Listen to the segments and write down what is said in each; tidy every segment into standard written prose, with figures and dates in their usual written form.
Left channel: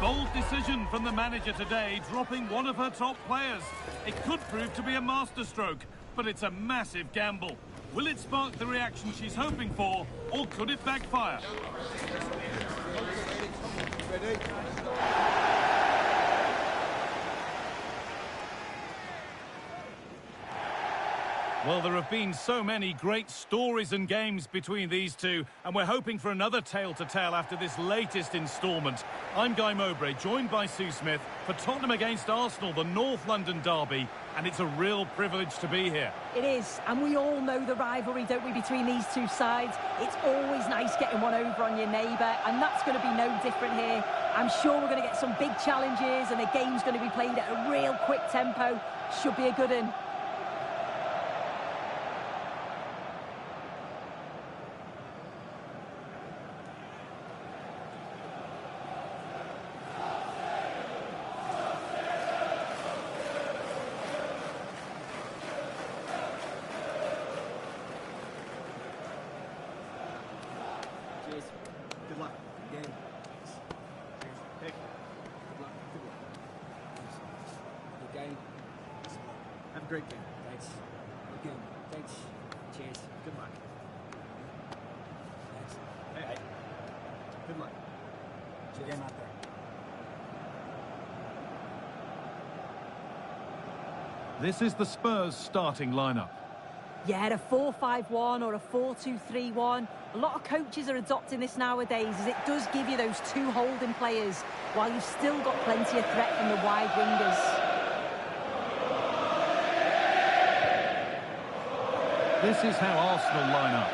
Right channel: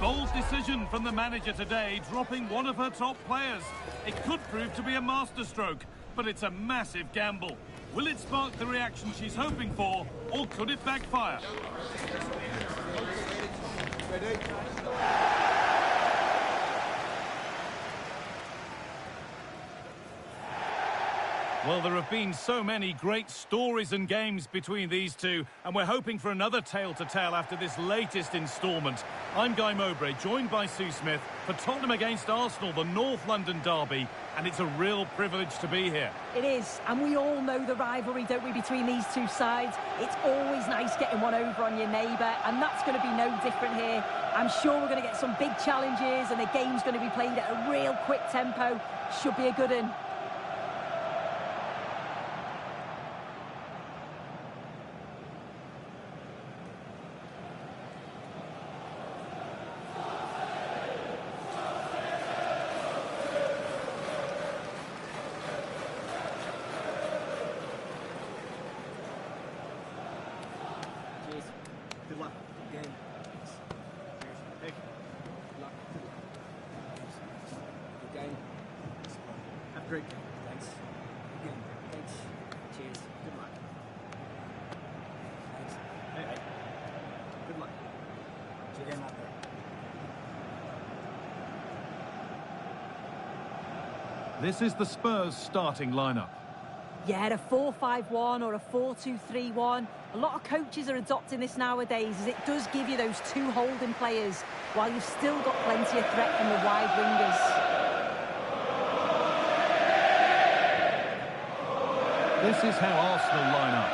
bold decision from the manager today, dropping one of her top players. It could prove to be a masterstroke, but it's a massive gamble. Will it spark the reaction she's hoping for, or could it backfire? Ready? Well, there have been so many great stories and games between these two, and we're hoping for another tale to tell after this latest instalment. I'm Guy Mowbray, joined by Sue Smith for Tottenham against Arsenal, the North London derby, and it's a real privilege to be here. It is, and we all know the rivalry, don't we, between these two sides. It's always nice getting one over on your neighbour, and that's going to be no different here. I'm sure we're going to get some big challenges, and the game's going to be played at a real quick tempo. Should be a good one. Cheers. Good luck. Good game. Cheers. Hey. Good luck. Good luck. Thanks. Good game. Have a great game. Thanks. Good game. Thanks. Cheers. Good luck. Thanks. Hey. Good luck. Cheers. Game out there. This is the Spurs starting lineup. Yeah, a 4-5-1 or a 4-2-3-1. A lot of coaches are adopting this nowadays, as it does give you those two holding players, while you've still got plenty of threat from the wide wingers. This is how Arsenal line up.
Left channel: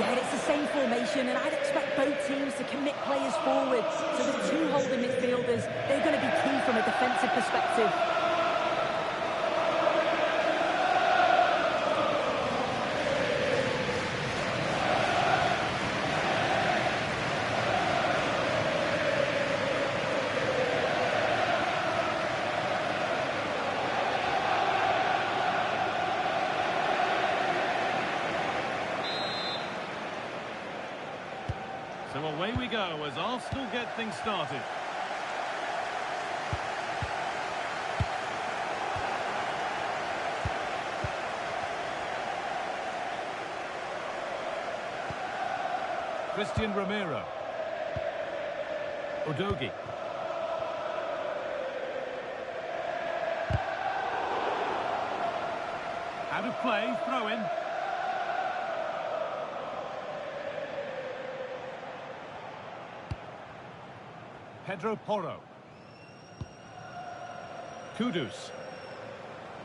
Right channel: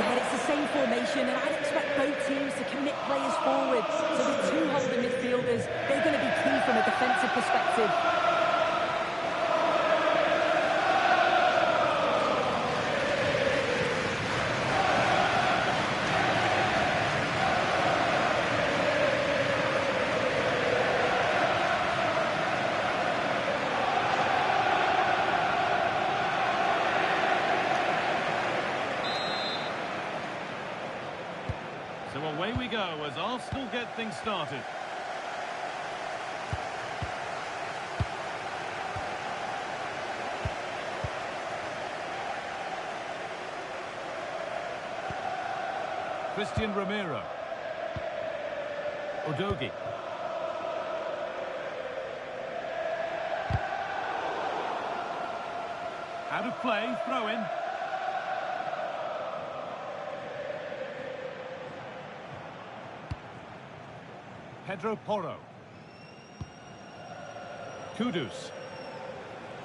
Yeah, it's the same formation, and I'd expect both teams to commit players forward. So the two holding midfielders, they're going to be key from a defensive perspective. So away we go as Arsenal get things started. Christian Romero. Udogie. Out of play, throw in. Pedro Porro. Kudus.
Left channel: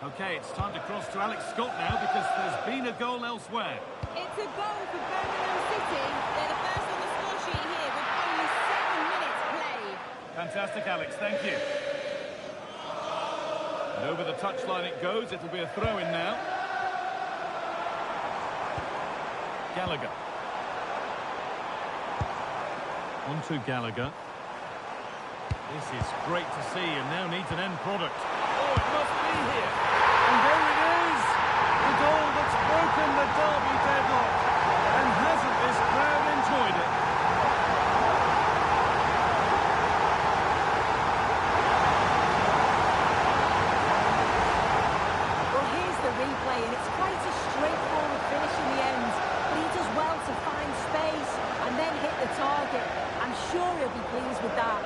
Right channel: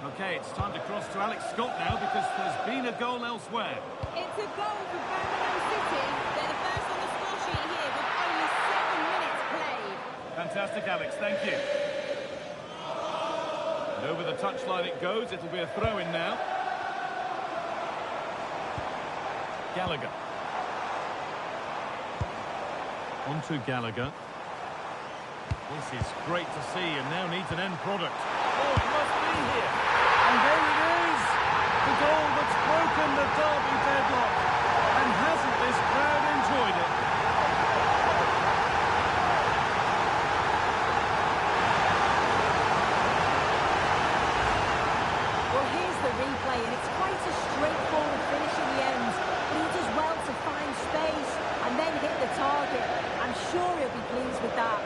Okay, it's time to cross to Alex Scott now because there's been a goal elsewhere. It's a goal for Birmingham City. They're the first on the score sheet here with only 7 minutes played. Fantastic, Alex, thank you. And over the touchline it goes. It'll be a throw-in now. Gallagher. On to Gallagher. This is great to see and now needs an end product. Oh, it must be here. And there it is. The goal that's broken the derby deadlock. And hasn't this crowd enjoyed it? Well, here's the replay, and it's quite a straightforward finish in the end. But he does well to find space and then hit the target. I'm sure he'll be pleased with that.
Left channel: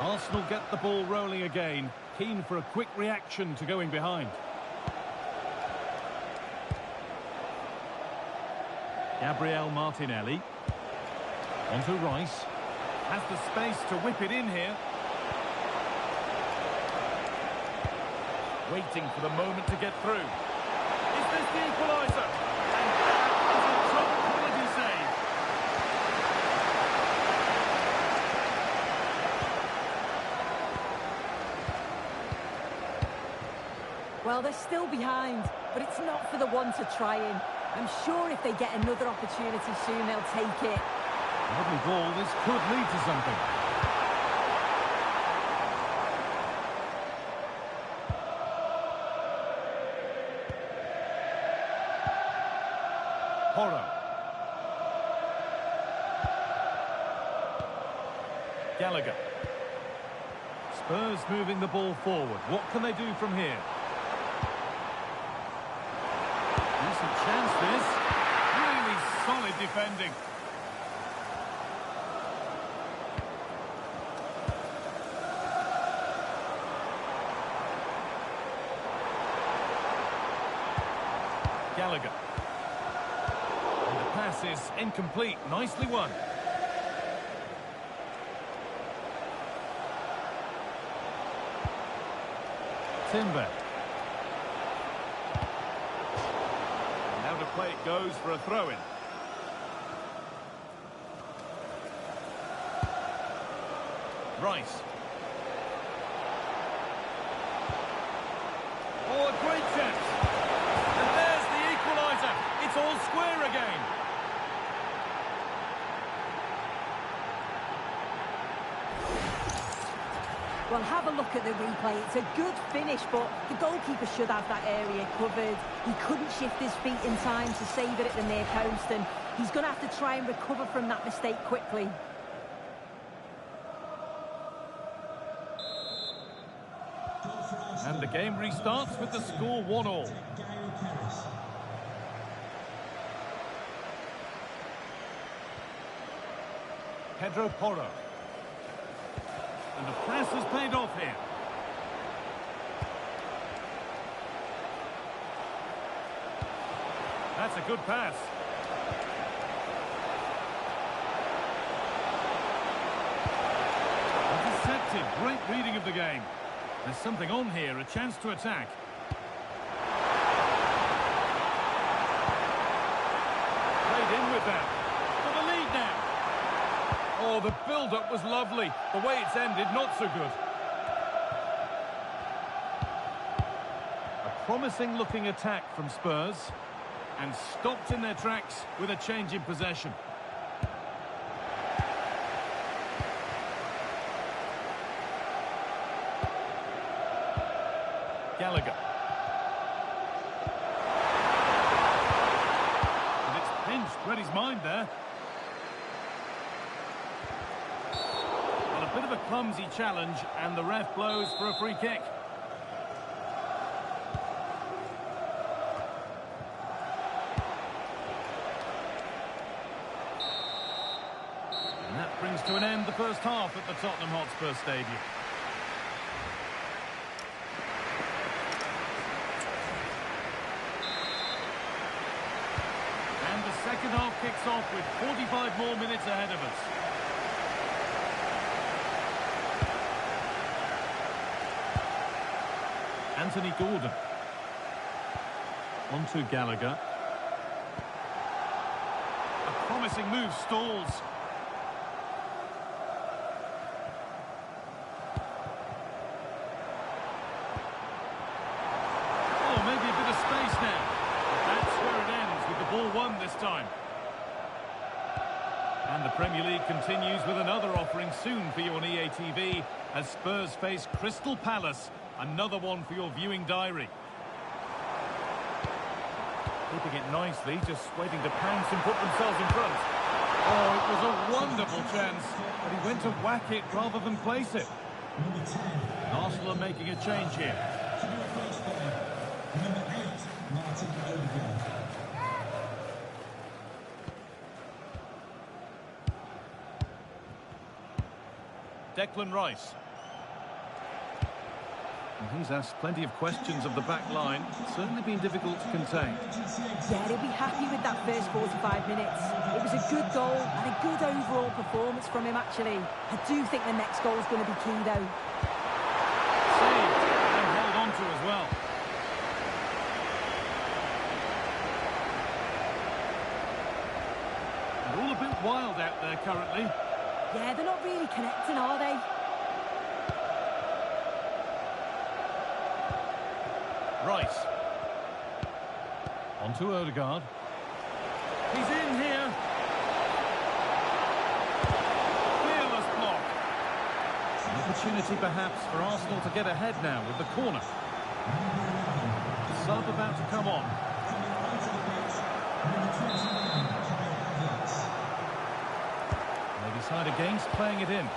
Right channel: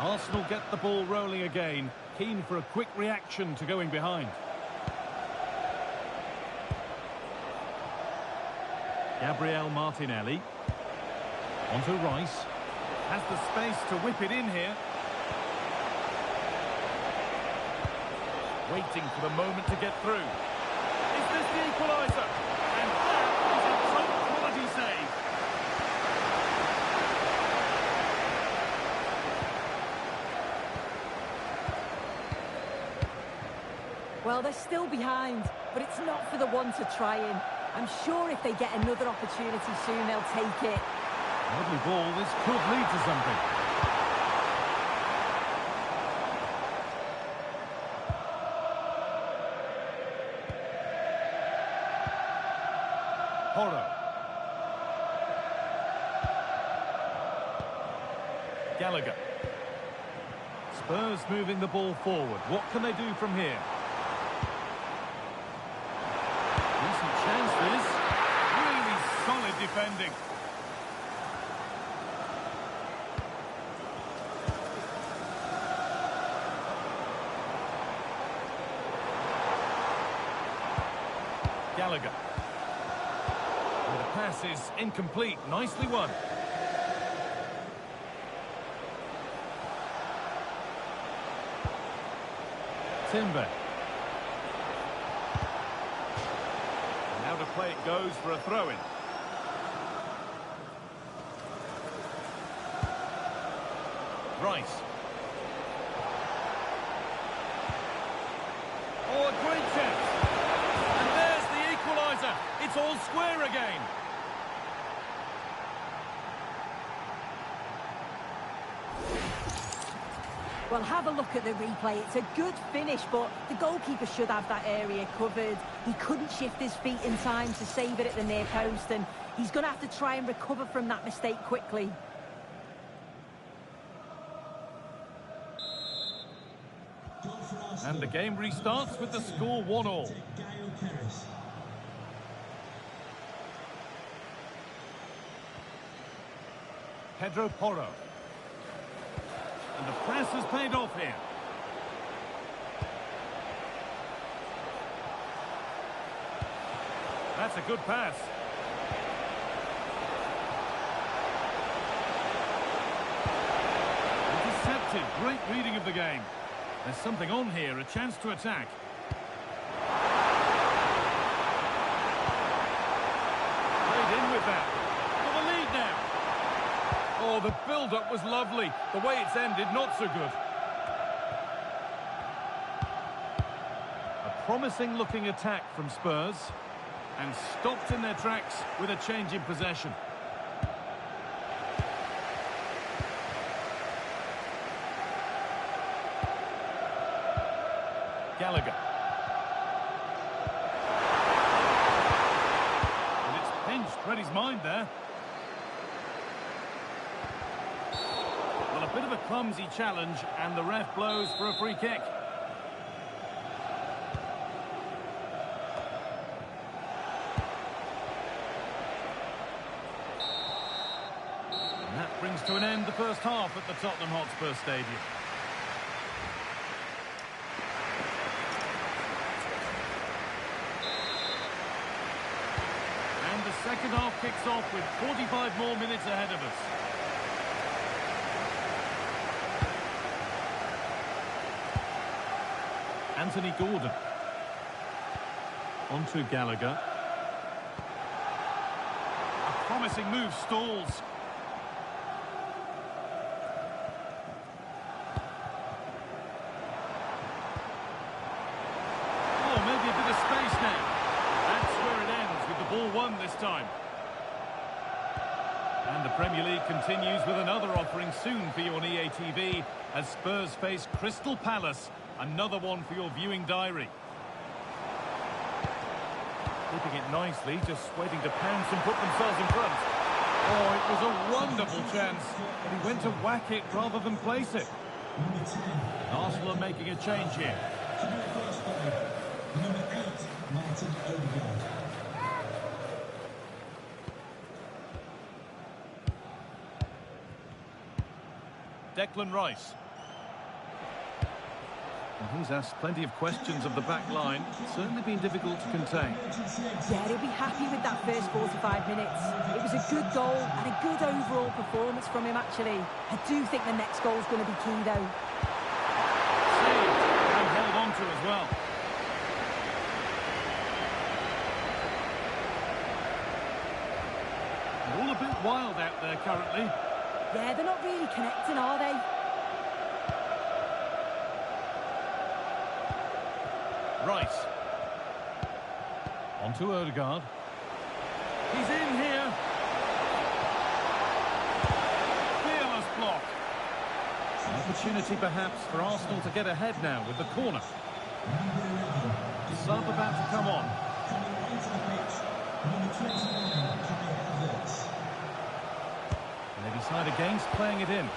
Arsenal get the ball rolling again, keen for a quick reaction to going behind. Gabriel Martinelli. Onto Rice. Has the space to whip it in here. Waiting for the moment to get through. Is this the equaliser? And that is a top-quality save. Well, they're still behind, but it's not for the one to try in. I'm sure if they get another opportunity soon, they'll take it. Lovely ball. This could lead to something. Porro. Gallagher. Spurs moving the ball forward. What can they do from here? Decent chance this. Really solid defending. Gallagher. And the pass is incomplete. Nicely won. Timber. And now to play it goes for a throw-in. Rice. Oh, a great chance. And there's the equaliser. It's all square again. Well, have a look at the replay. It's a good finish, but the goalkeeper should have that area covered. He couldn't shift his feet in time to save it at the near post, and he's going to have to try and recover from that mistake quickly. And the game restarts with the score 1-1. Pedro Porro. And the press has paid off here. That's a good pass. Intercepted. Great reading of the game. There's something on here, a chance to attack. Played in with that. For the lead now. Oh, the build-up was lovely. The way it's ended, not so good. A promising-looking attack from Spurs. And stopped in their tracks with a change in possession. Gallagher. And it's pinched, read his mind there. Well, a bit of a clumsy challenge, and the ref blows for a free kick. And that brings to an end the first half at the Tottenham Hotspur Stadium. And the second half kicks off with 45 more minutes ahead of us. Anthony Gordon. On to Gallagher. A promising move stalls. Oh, maybe a bit of space now. That's where it ends, with the ball won this time. And the Premier League continues with another offering soon for you on EA TV as Spurs face Crystal Palace. Another one for your viewing diary. Keeping it nicely, just waiting to pounce and put themselves in front. Oh, it was a wonderful chance, but he went to whack it rather than place it. Arsenal are making a change here. To be replaced by number 8, Martin Odegaard. Declan Rice. Well, he's asked plenty of questions of the back line. It's certainly been difficult to contain. Yeah, he'll be happy with that first 45 minutes. It was a good goal and a good overall performance from him, actually. I do think the next goal is going to be key, though. Saved and held on to as well. And all a bit wild out there currently. Yeah, they're not really connecting, are they? Rice. On to Odegaard. He's in here. Fearless block. An opportunity perhaps for Arsenal to get ahead now with the corner. Number 11. Sub about to come on. Coming onto the pitch, number 29, Kai Havertz. They decide against playing it in.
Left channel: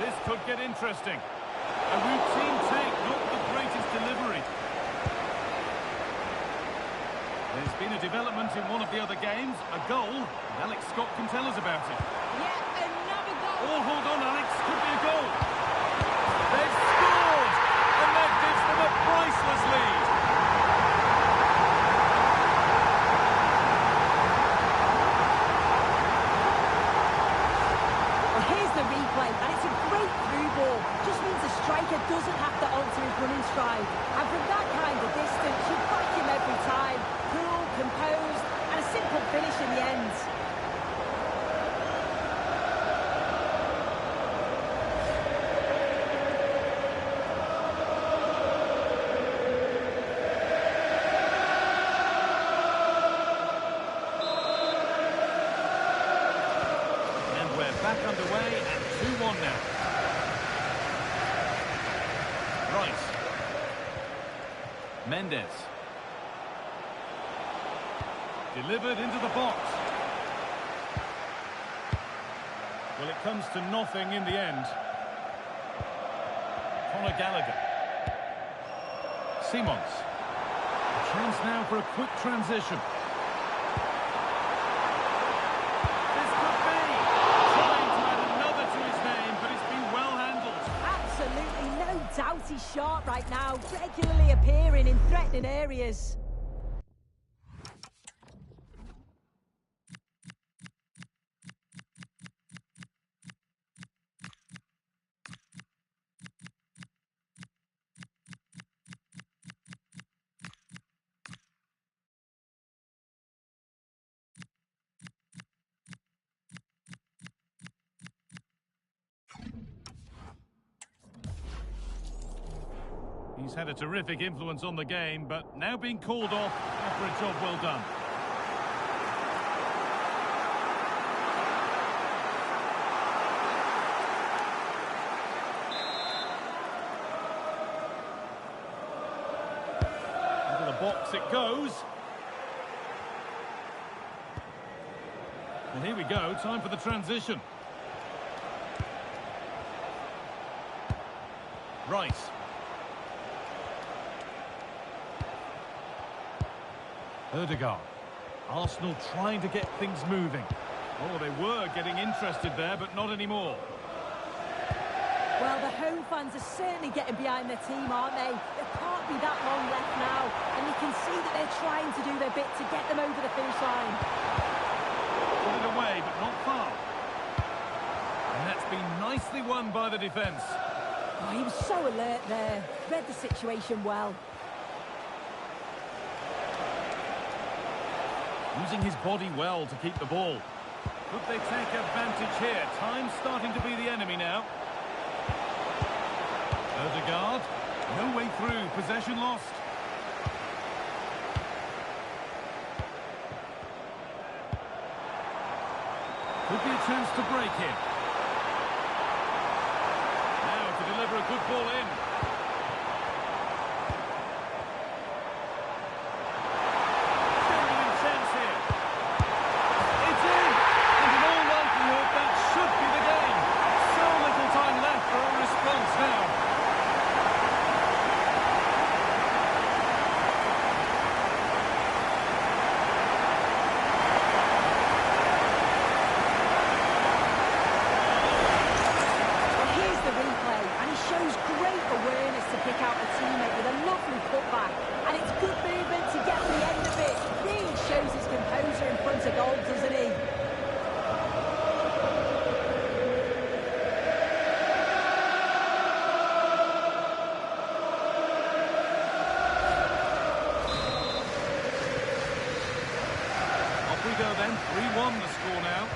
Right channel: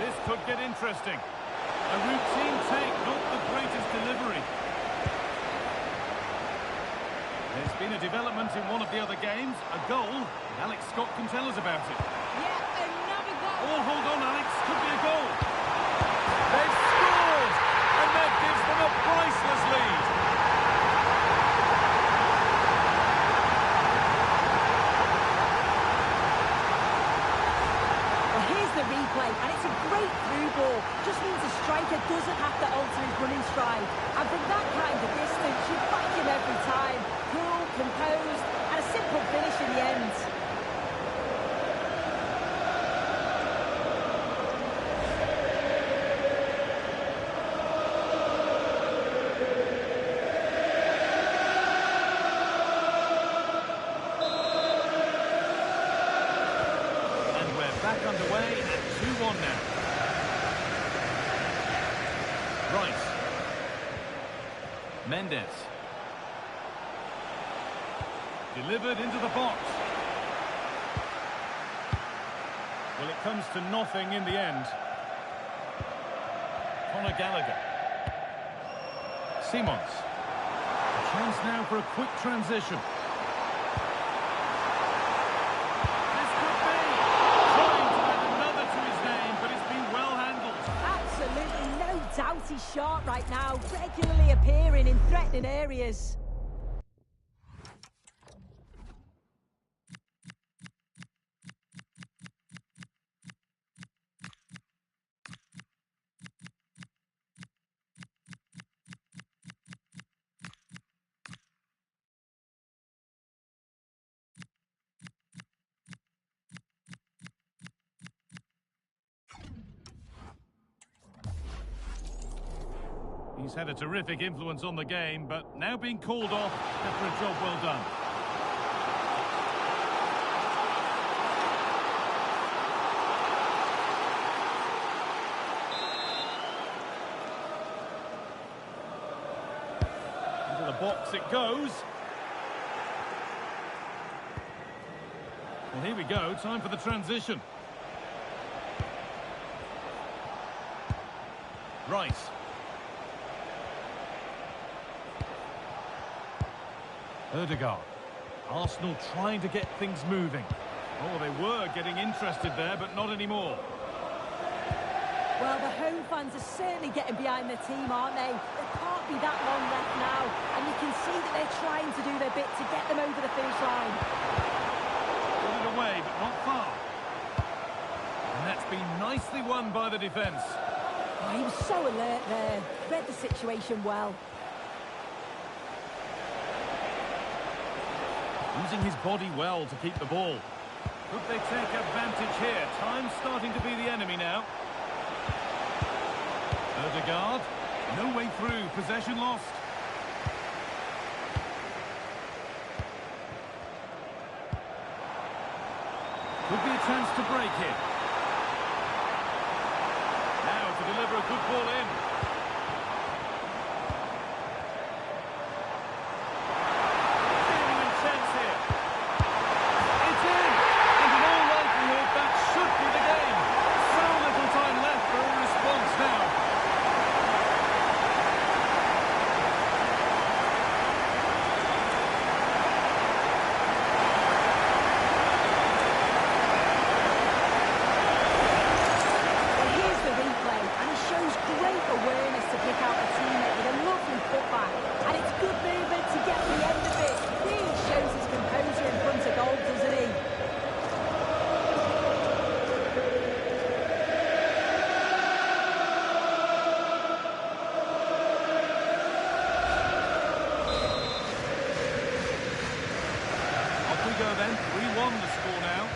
This could get interesting. A routine take, not the greatest delivery. There's been a development in one of the other games, a goal, and Alex Scott can tell us about it. Yeah, another goal. Oh, hold on, Alex, could be a goal. They've scored, and that gives them a priceless lead. Well, here's the replay, and it's a great through ball. Just means the striker doesn't have to alter his running stride. And from that kind of distance, you back him every time. Cool, composed, and a simple finish in the end. And we're back underway at 2-1 now. Rice. Mendes. Delivered into the box. Well, it comes to nothing in the end. Conor Gallagher. Simons. A chance now for a quick transition. This could be. Trying to add another to his name, but it's been well handled. Absolutely no doubt he's sharp right now, regularly appearing in threatening areas. He's had a terrific influence on the game, but now being called off after a job well done. Into the box it goes. Well, here we go. Time for the transition. Rice. Odegaard. Arsenal trying to get things moving. Oh, they were getting interested there, but not anymore. Well, the home fans are certainly getting behind their team, aren't they? There can't be that long left now, and you can see that they're trying to do their bit to get them over the finish line. Put it away, but not far. And that's been nicely won by the defence. Oh, he was so alert there. Read the situation well. Using his body well to keep the ball. Could they take advantage here? Time's starting to be the enemy now. Odegaard. No way through. Possession lost. Could be a chance to break here. Now to deliver a good ball in. Genuine chance here. It's in! And in all likelihood, that should be the game. So little time left for a response now. And he shows great awareness to pick out a teammate with a lovely putback. And it's good movement to get to the end of it. Really shows his composure in front of goal, doesn't he? Off we go then. 3-1 the score now.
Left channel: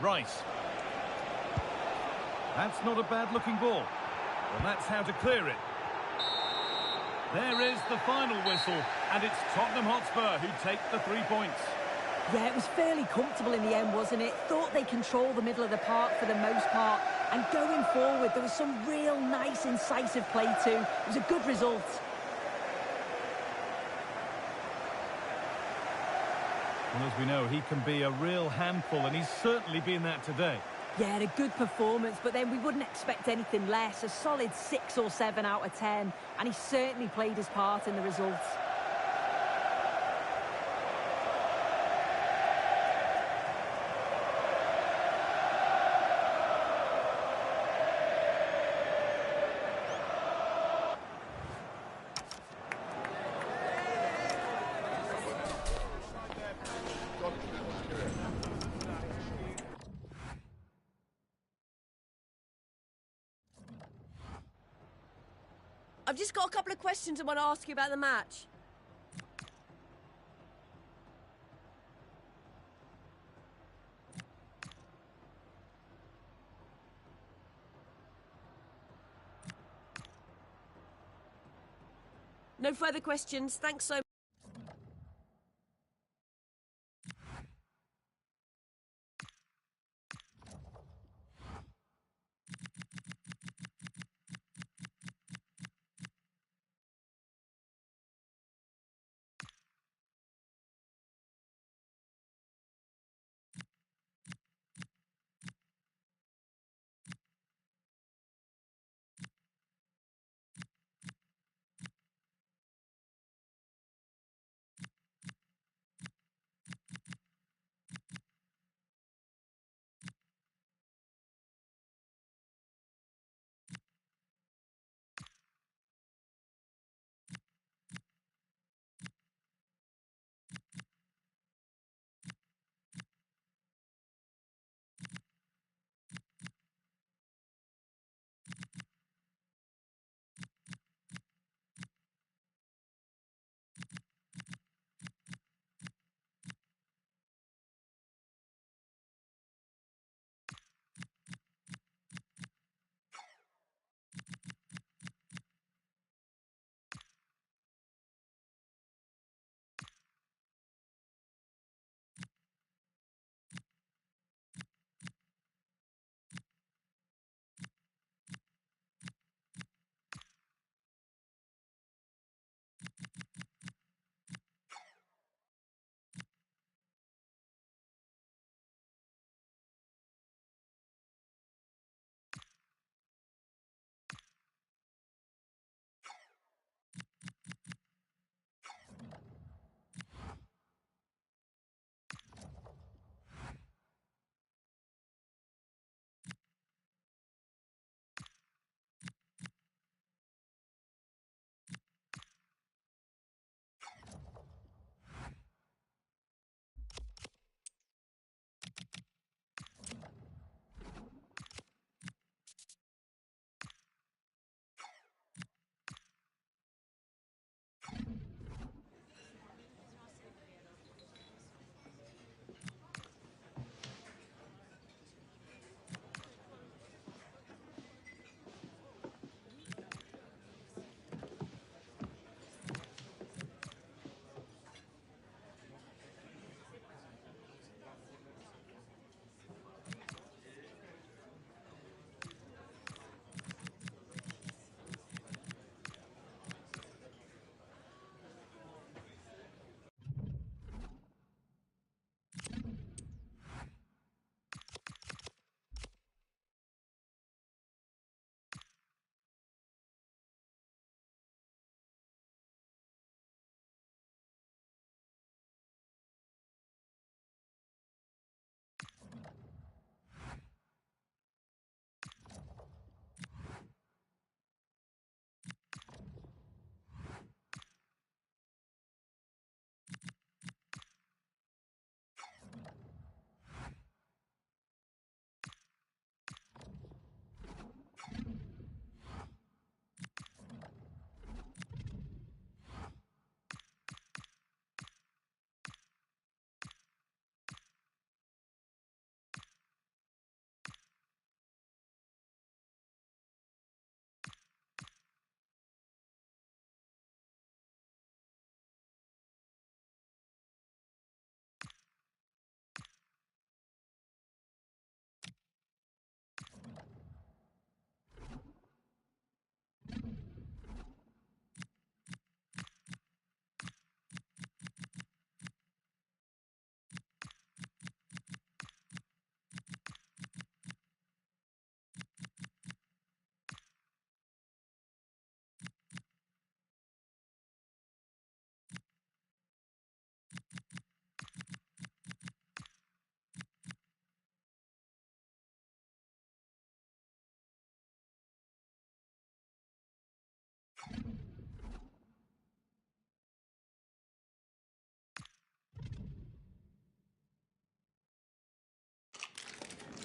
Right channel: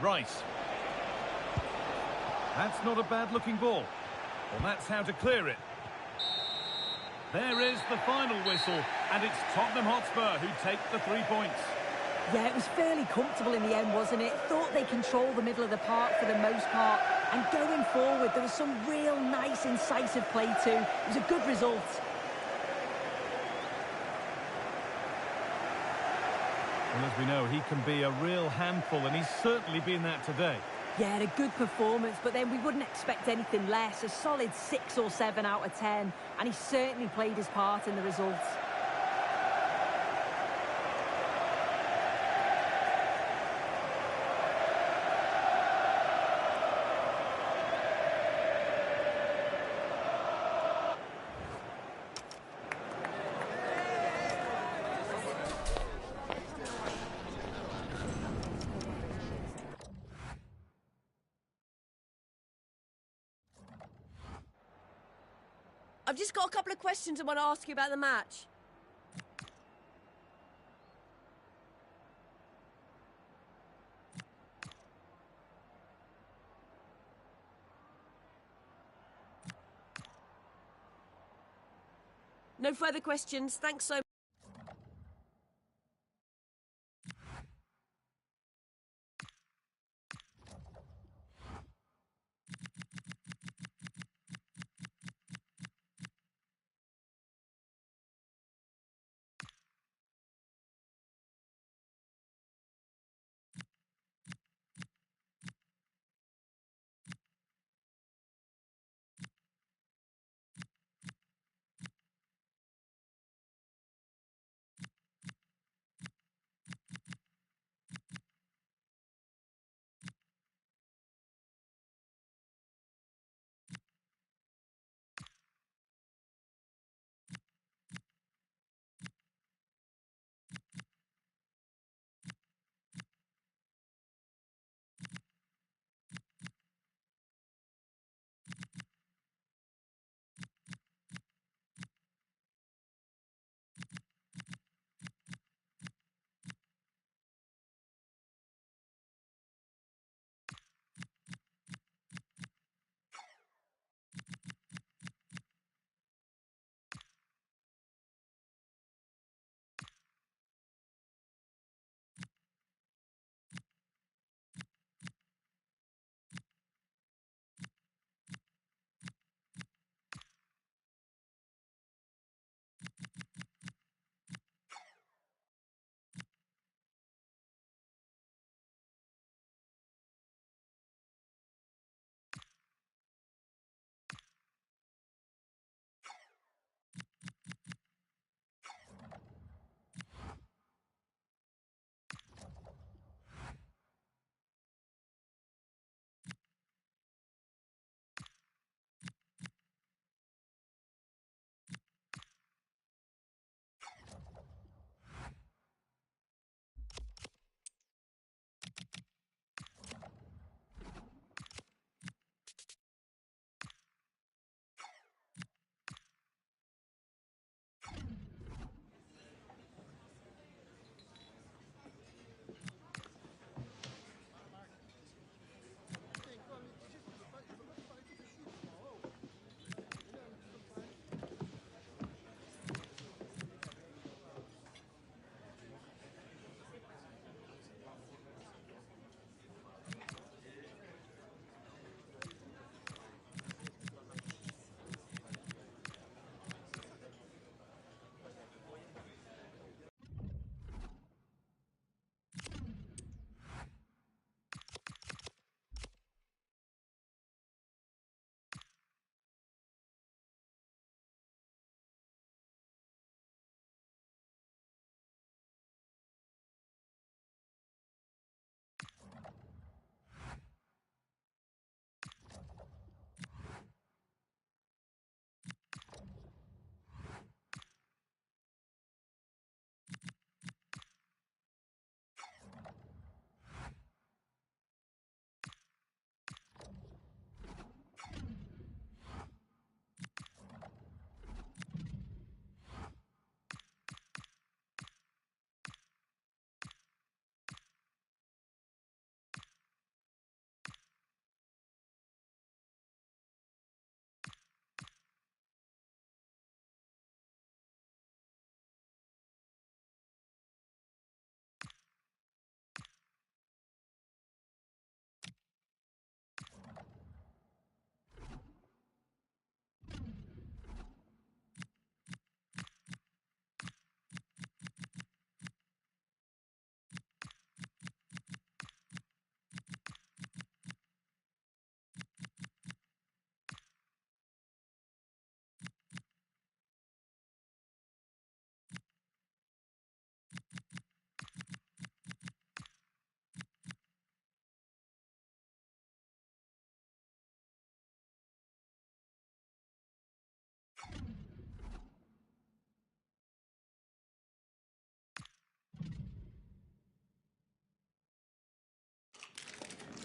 Rice. That's not a bad-looking ball. Well, that's how to clear it. There is the final whistle, and it's Tottenham Hotspur who take the 3 points. Yeah, it was fairly comfortable in the end, wasn't it? Thought they controlled the middle of the park for the most part. And going forward, there was some real nice, incisive play too. It was a good result. Well, as we know, he can be a real handful, and he's certainly been that today. Yeah, a good performance, but then we wouldn't expect anything less. A solid 6 or 7 out of 10, and he certainly played his part in the results. I've just got a couple of questions I want to ask you about the match. No further questions. Thanks so much.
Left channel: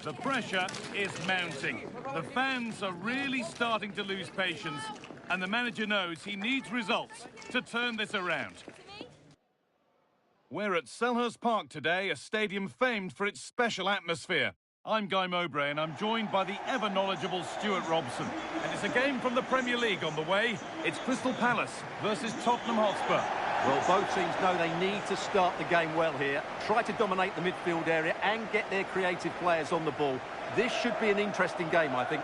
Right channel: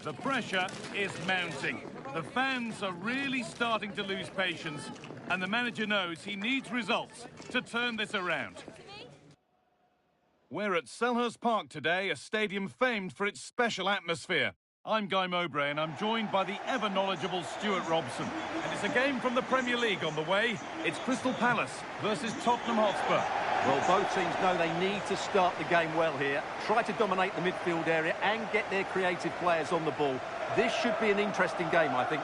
The pressure is mounting. The fans are really starting to lose patience, and the manager knows he needs results to turn this around. We're at Selhurst Park today, a stadium famed for its special atmosphere. I'm Guy Mowbray, and I'm joined by the ever-knowledgeable Stuart Robson. And it's a game from the Premier League on the way. It's Crystal Palace versus Tottenham Hotspur. Well, both teams know they need to start the game well here, try to dominate the midfield area and get their creative players on the ball. This should be an interesting game, I think.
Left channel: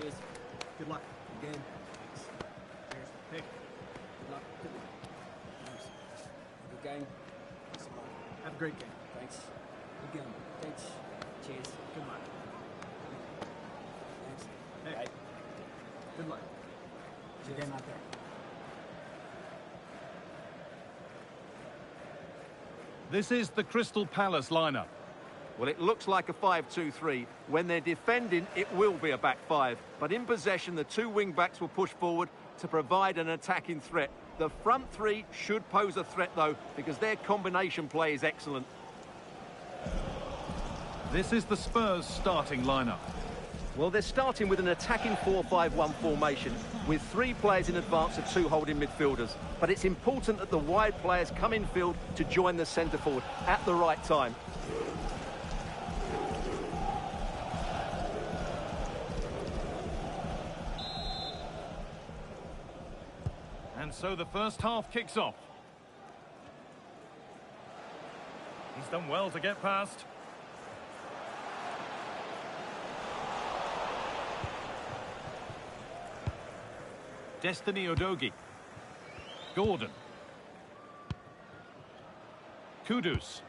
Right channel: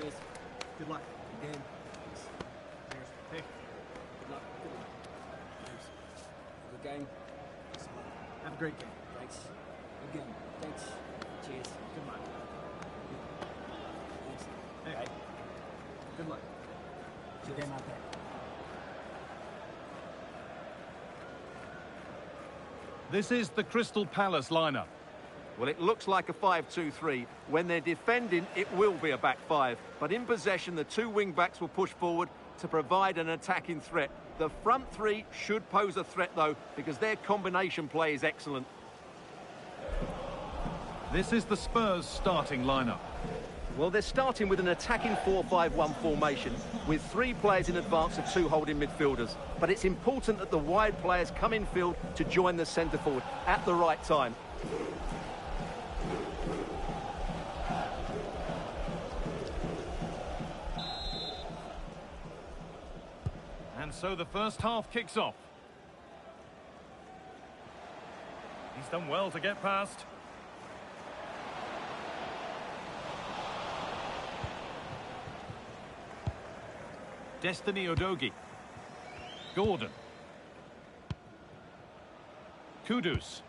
Cheers. Good luck. Good game. Thanks. Cheers. Hey. Good luck. Good luck. Thanks. Good game. Thanks a lot. Have a great game. Thanks. Good game. Thanks. Cheers. Good luck. Thanks. Hey. Right. Good luck. Good game out there. This is the Crystal Palace lineup. Well, it looks like a 5-2-3. When they're defending, it will be a back five. But in possession, the two wing-backs will push forward to provide an attacking threat. The front three should pose a threat, though, because their combination play is excellent. This is the Spurs starting lineup. Well, they're starting with an attacking 4-5-1 formation with three players in advance of two holding midfielders. But it's important that the wide players come in field to join the centre forward at the right time. And so the first half kicks off. He's done well to get past. Destiny Udogie. Gordon. Kudus.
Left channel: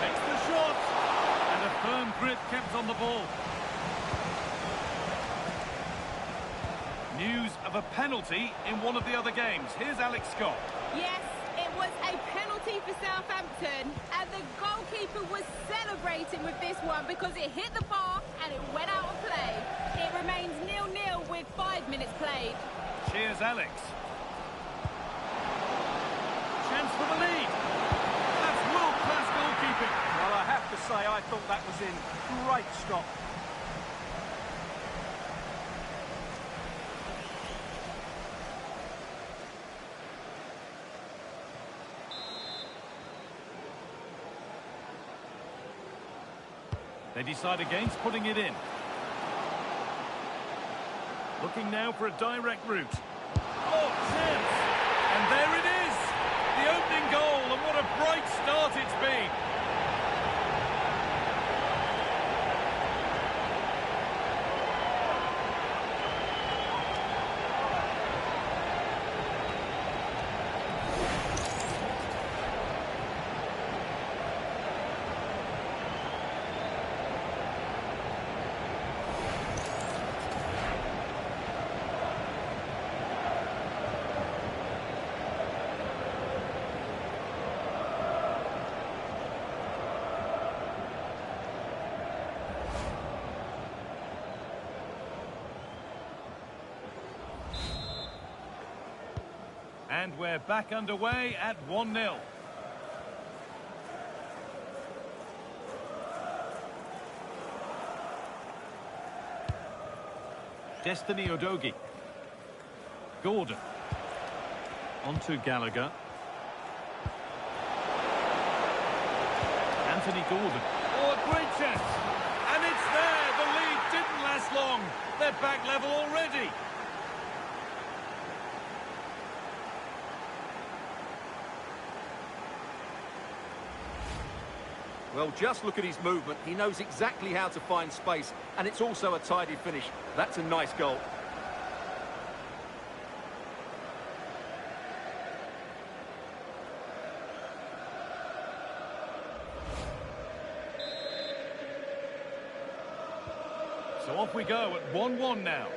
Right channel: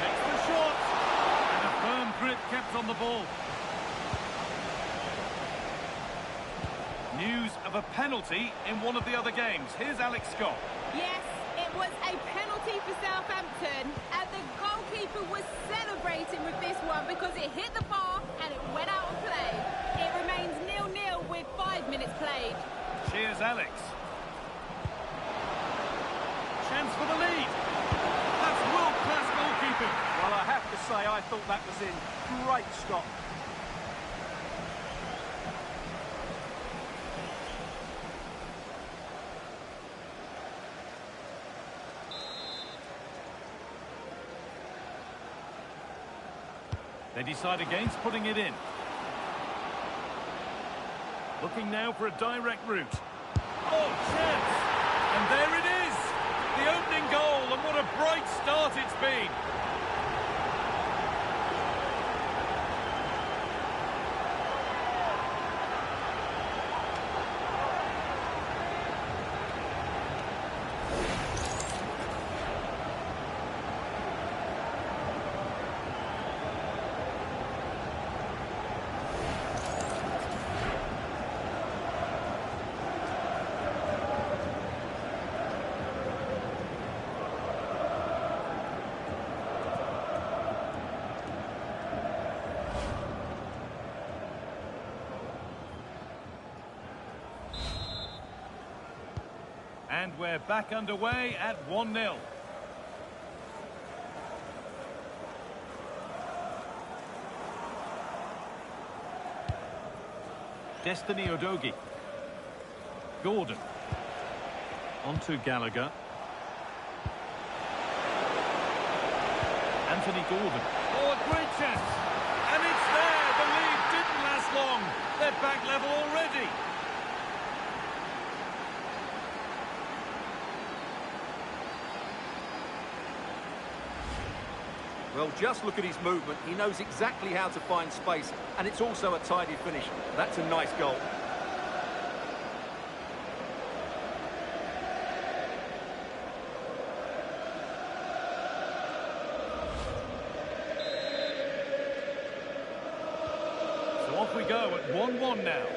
Takes the shot. And a firm grip kept on the ball. News of a penalty in one of the other games. Here's Alex Scott. Yes, it was a penalty for Southampton, and the goalkeeper was celebrating with this one because it hit the bar and it went out of play. It remains 0-0 with 5 minutes played. Cheers, Alex. Chance for the lead. That's world-class goalkeeping. Well, I have to say, I thought that was in. Great stop. They decide against putting it in. Looking now for a direct route. Oh, chance! And there it is! The opening goal, and what a bright start it's been! And we're back underway at 1-0. Destiny Udogie. Gordon. On to Gallagher. Anthony Gordon. Oh, a great chance. And it's there. The lead didn't last long. They're back level already. Well, just look at his movement. He knows exactly how to find space, and it's also a tidy finish. That's a nice goal. off we go at 1-1 now.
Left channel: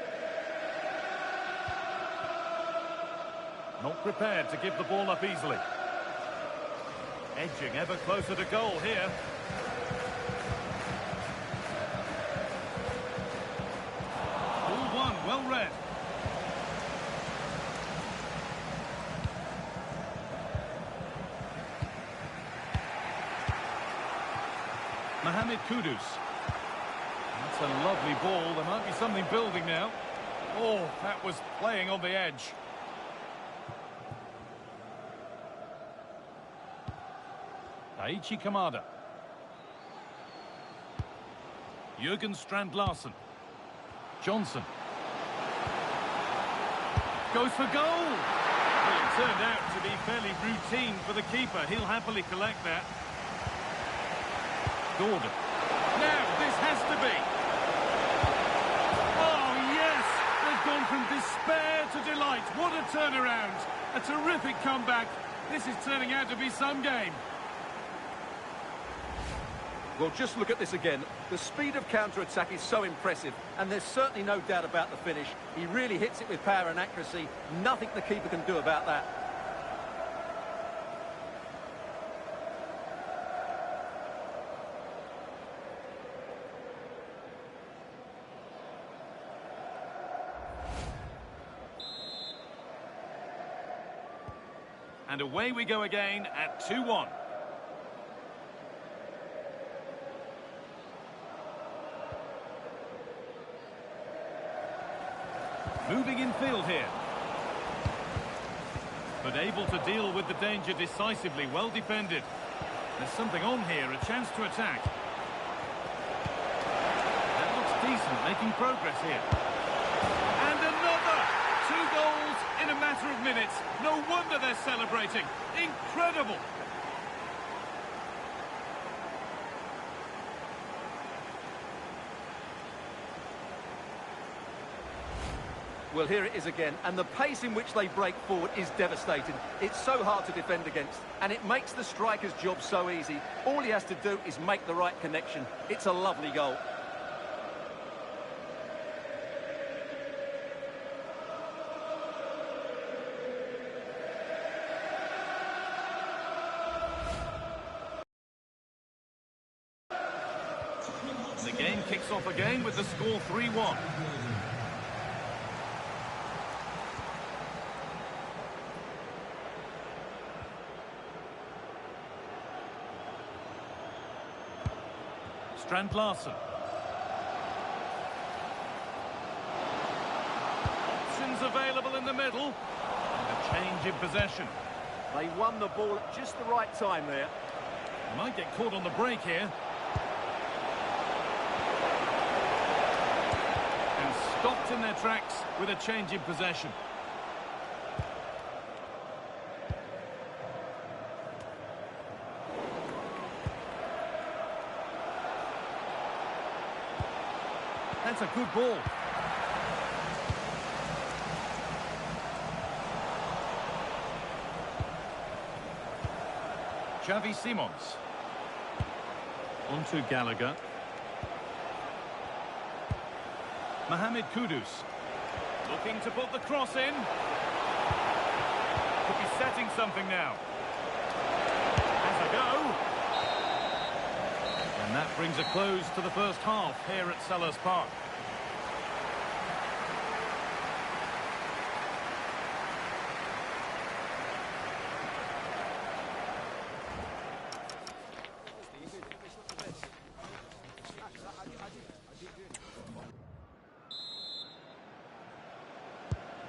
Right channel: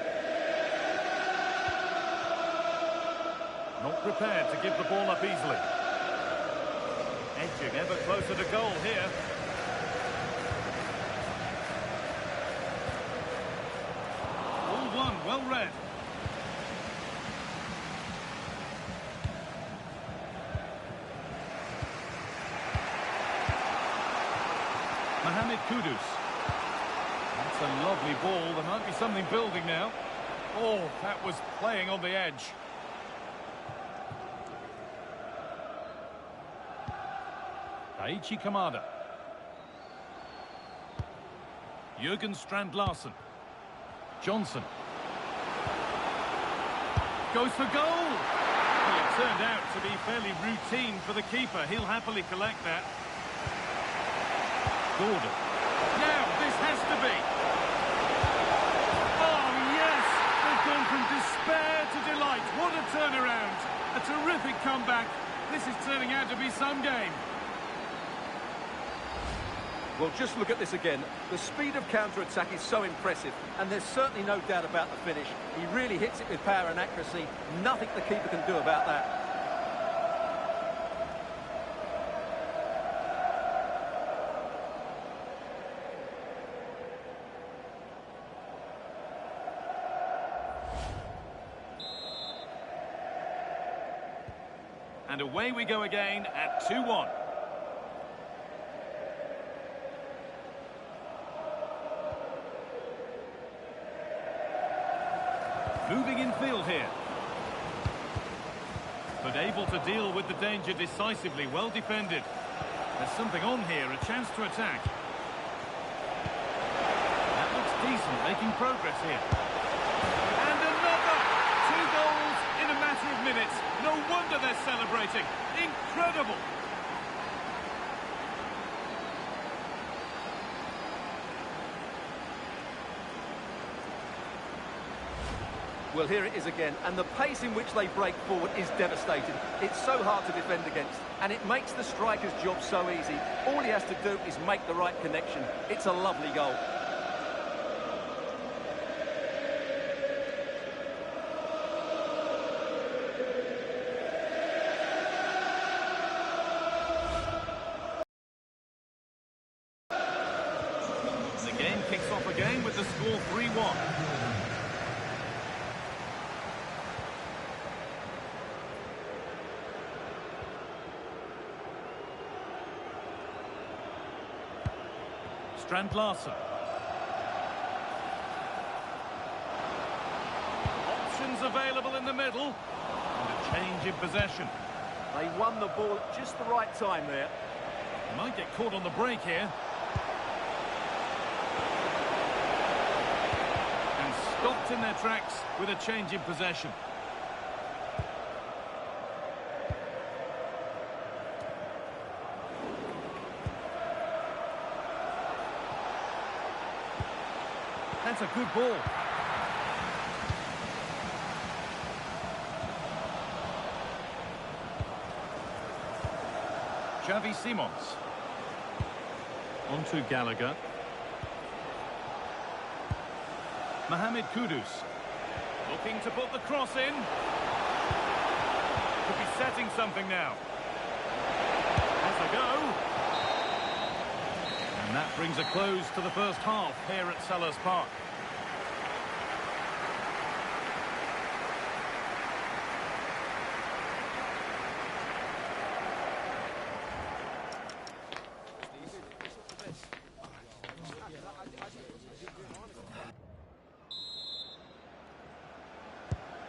Not prepared to give the ball up easily. Edging ever closer to goal here. Ball one, well read. Mohamed Kudus. That's a lovely ball. There might be something building now. Oh, that was playing on the edge. Daichi Kamada. Jürgen Strand-Larsen. Johnson. Goes for goal! Well, it turned out to be fairly routine for the keeper. He'll happily collect that. Gordon. Now, this has to be. Oh, yes! They've gone from despair to delight. What a turnaround. A terrific comeback. This is turning out to be some game. Well, just look at this again. The speed of counter-attack is so impressive, and there's certainly no doubt about the finish. He really hits it with power and accuracy. Nothing the keeper can do about that. And away we go again at 2-1. Moving in field here. But able to deal with the danger decisively, well defended. There's something on here, a chance to attack. That looks decent, making progress here. And another! 2 goals in a matter of minutes. No wonder they're celebrating. Incredible! Well, here it is again, and the pace in which they break forward is devastating. It's so hard to defend against, and it makes the striker's job so easy. All he has to do is make the right connection. It's a lovely goal. The game kicks off again with the score 3-1. Strand-Larsen. Options available in the middle. And a change in possession. They won the ball at just the right time there. They might get caught on the break here. And stopped in their tracks with a change in possession. That's a good ball. Xavi Simons. On to Gallagher. Mohamed Kudus. Looking to put the cross in. Could be setting something now. Has a go. And that brings a close to the first half here at Selhurst Park.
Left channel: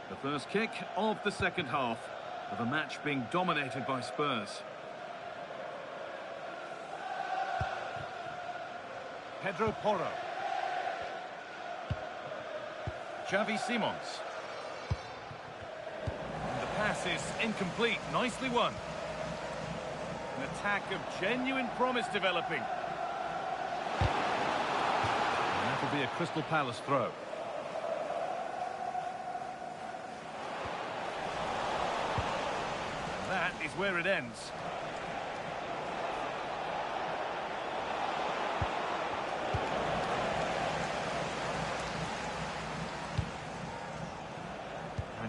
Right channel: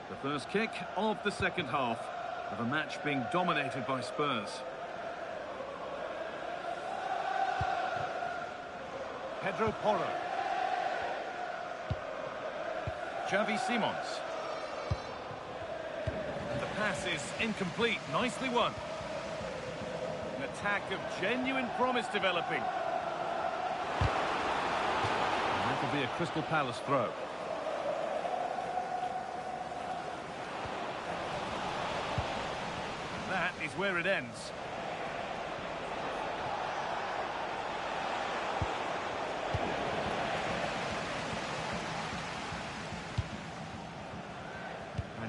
The first kick of the second half of a match being dominated by Spurs. Pedro Porro. Xavi Simons. And the pass is incomplete. Nicely won. An attack of genuine promise developing. And that will be a Crystal Palace throw. And that is where it ends.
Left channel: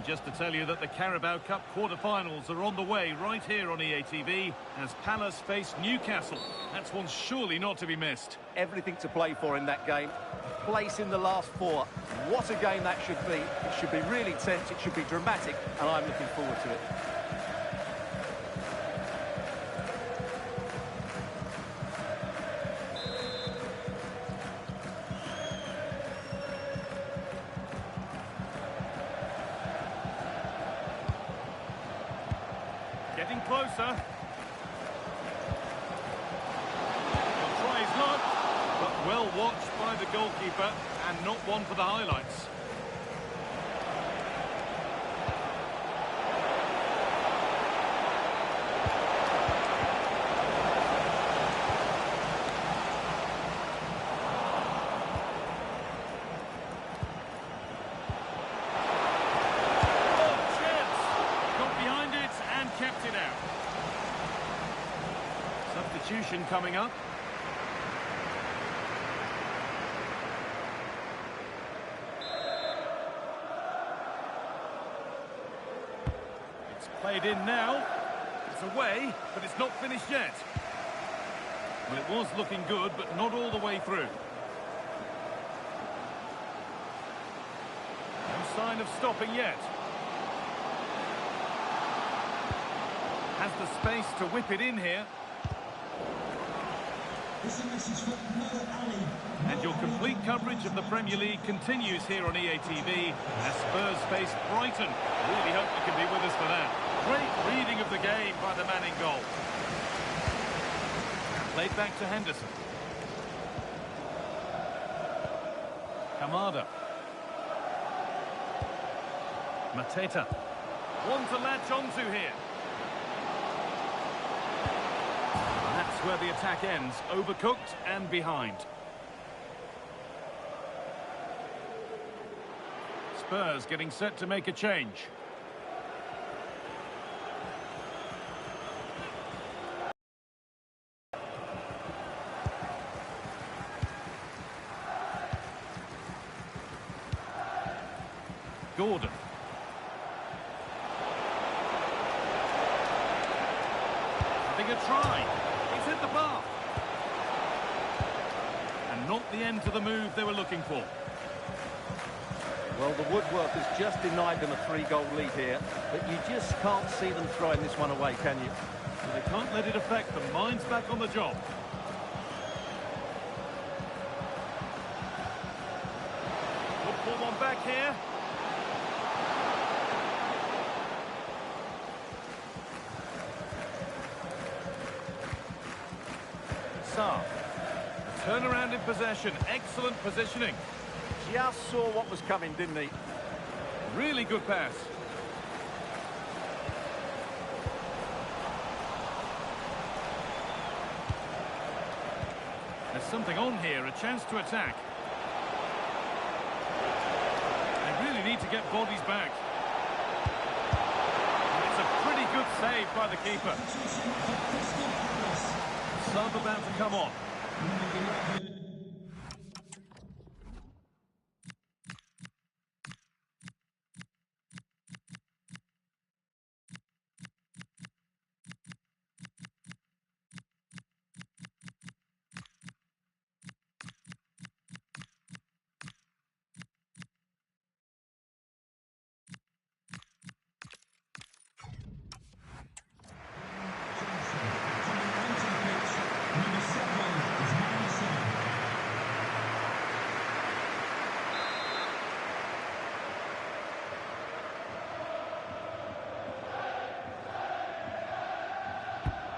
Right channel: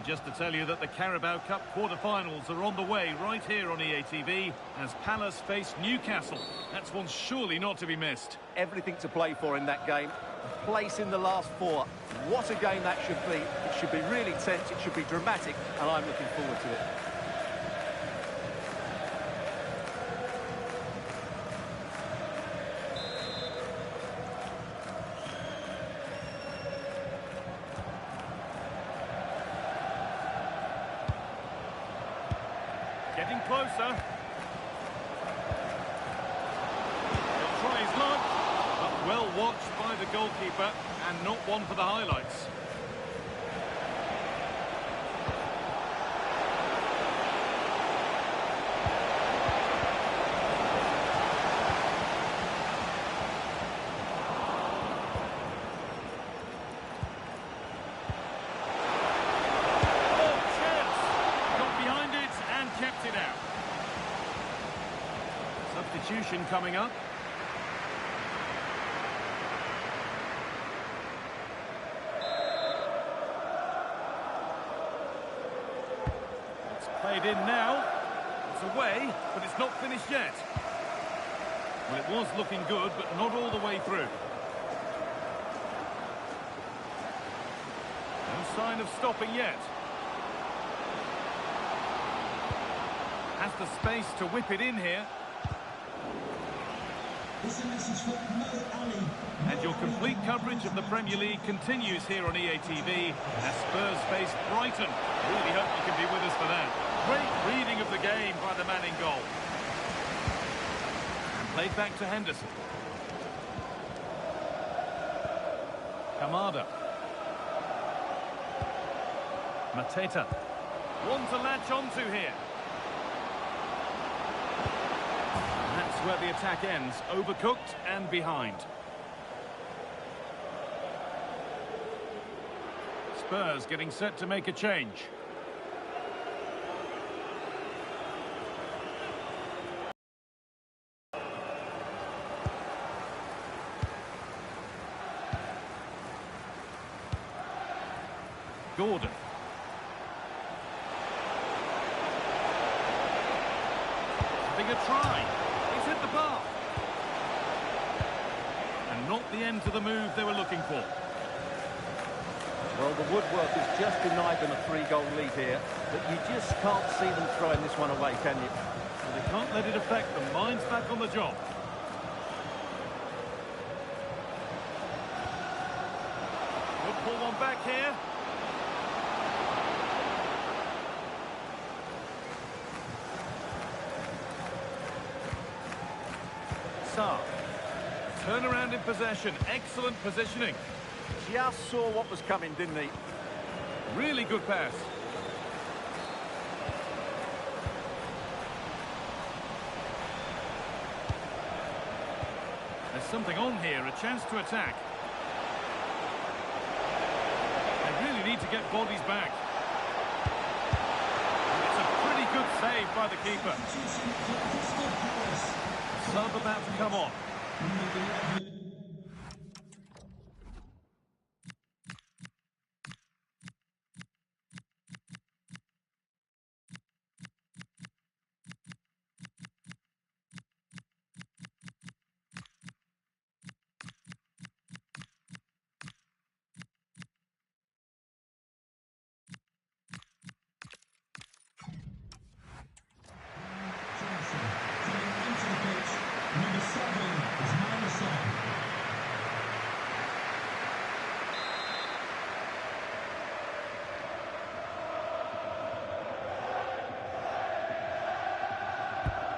And just to tell you that the Carabao Cup quarter-finals are on the way right here on EA TV as Palace face Newcastle. That's one surely not to be missed. Everything to play for in that game. A place in the last four. What a game that should be. It should be really tense, it should be dramatic, and I'm looking forward to it. Getting closer. He'll try his luck, but well watched by the goalkeeper and not one for the highlights. Kept it out. Substitution coming up. It's played in now. It's away, but it's not finished yet. Well, it was looking good, but not all the way through. No sign of stopping yet. Has the space to whip it in here. This is a message for Mo Ali. And your complete coverage of the Premier League continues here on EA TV as Spurs face Brighton. Really hope you can be with us for that. Great reading of the game by the man in goal. And played back to Henderson. Kamada. Mateta. One to latch onto here. That's where the attack ends, overcooked and behind. Spurs getting set to make a change. Gordon. Having a try. He's hit the bar. And not the end to the move they were looking for. Well, the woodworkers just denied them a 3-goal lead here, but you just can't see them throwing this one away, can you? Well, they can't let it affect them. Mind's back on the job. Could pull one back here. Saar. A turnaround in possession. Excellent positioning. Just saw what was coming, didn't he? Really good pass. There's something on here. A chance to attack. They really need to get bodies back. It's a pretty good save by the keeper. Sub about to come on.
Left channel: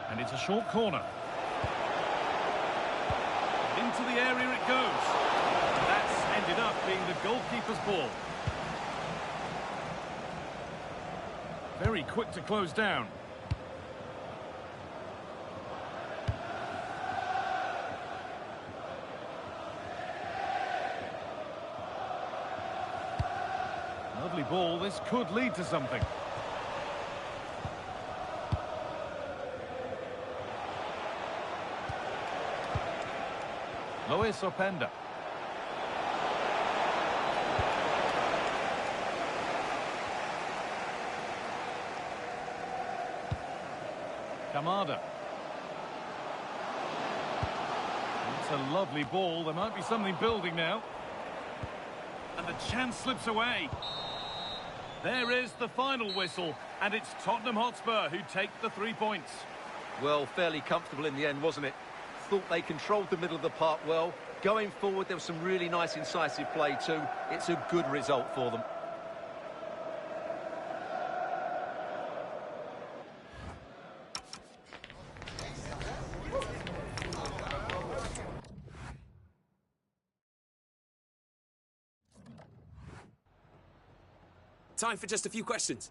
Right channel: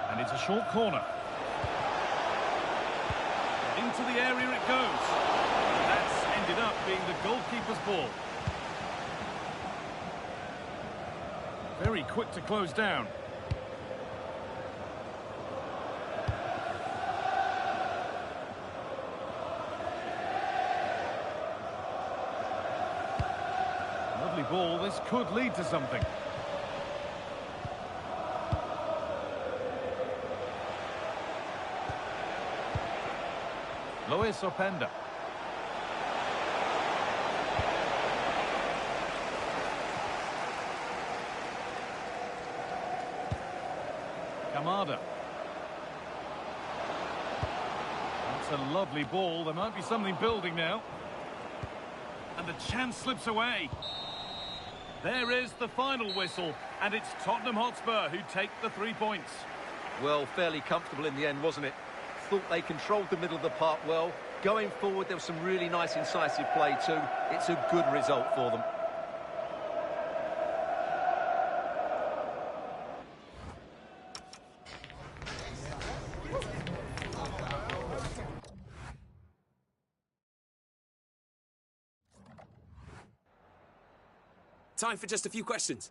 And it's a short corner. Into the area it goes. And that's ended up being the goalkeeper's ball. Very quick to close down. Lovely ball. This could lead to something. Luis Openda. Kamada. That's a lovely ball. There might be something building now. And the chance slips away. There is the final whistle, and it's Tottenham Hotspur who take the 3 points. Well, fairly comfortable in the end, wasn't it? Thought they controlled the middle of the park well. Going forward, there was some really nice incisive play too. It's a good result for them. Time for just a few questions.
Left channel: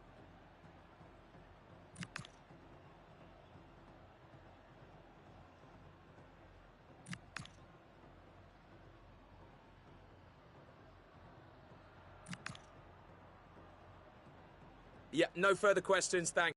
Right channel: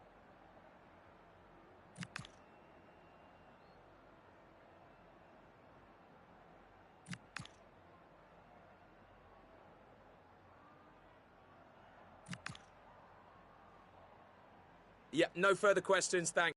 Yeah, no further questions, thanks.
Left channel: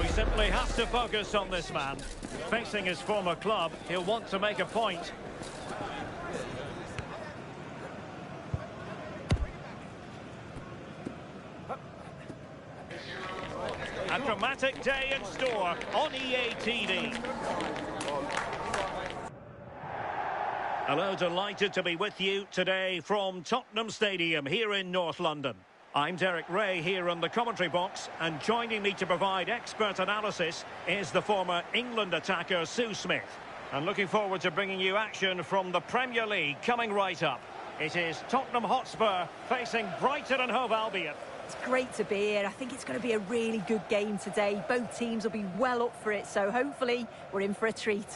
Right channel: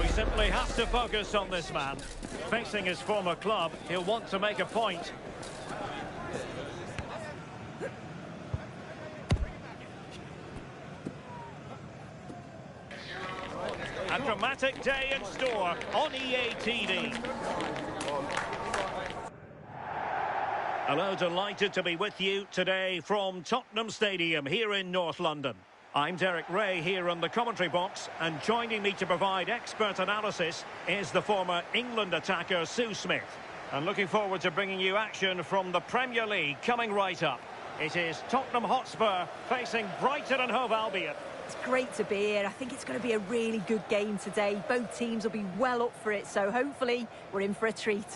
We simply have to focus on this man. Facing his former club, he'll want to make a point. A dramatic day in store on EA TV. Hello, delighted to be with you today from Tottenham Stadium here in North London. I'm Derek Ray here in the commentary box, and joining me to provide expert analysis is the former England attacker Sue Smith. And looking forward to bringing you action from the Premier League coming right up. It is Tottenham Hotspur facing Brighton and Hove Albion. It's great to be here. I think it's going to be a really good game today. Both teams will be well up for it, so hopefully we're in for a treat.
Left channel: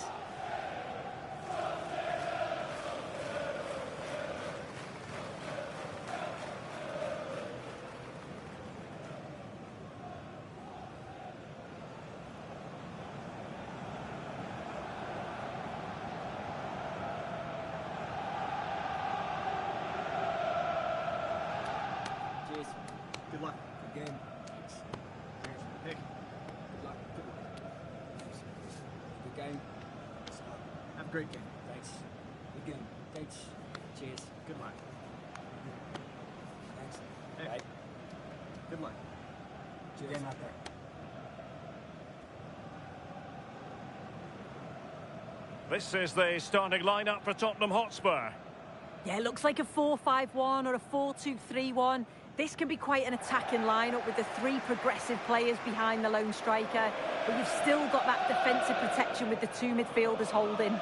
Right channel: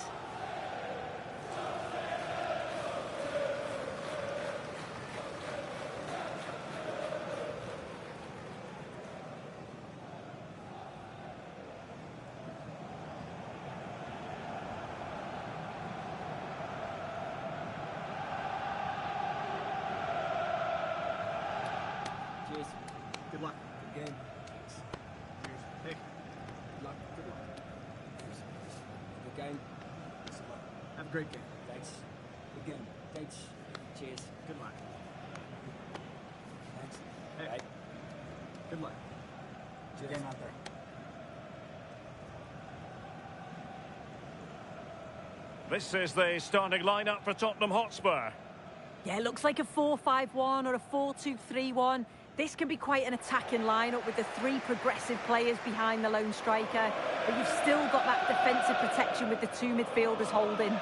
Cheers. Good luck. Good game. Thanks. Cheers. Hey. Good luck. Good luck. Thanks. Good game. Thanks a lot. Have a great game. Thanks. Good game. Thanks. Cheers. Good luck. Thanks. Hey. Right. Good luck. Cheers. Game out there. This is the starting lineup for Tottenham Hotspur. Yeah, it looks like a 4-5-1 or a 4-2-3-1. This can be quite an attacking lineup with the three progressive players behind the lone striker, but you've still got that defensive protection with the two midfielders holding.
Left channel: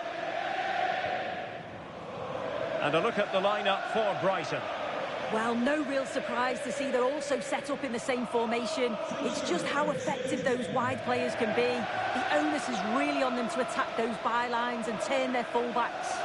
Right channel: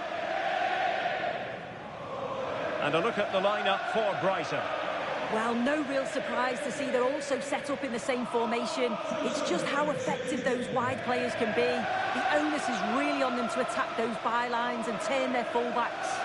And a look at the lineup for Brighton. Well, no real surprise to see they're also set up in the same formation. It's just how effective those wide players can be. The onus is really on them to attack those bylines and turn their fullbacks.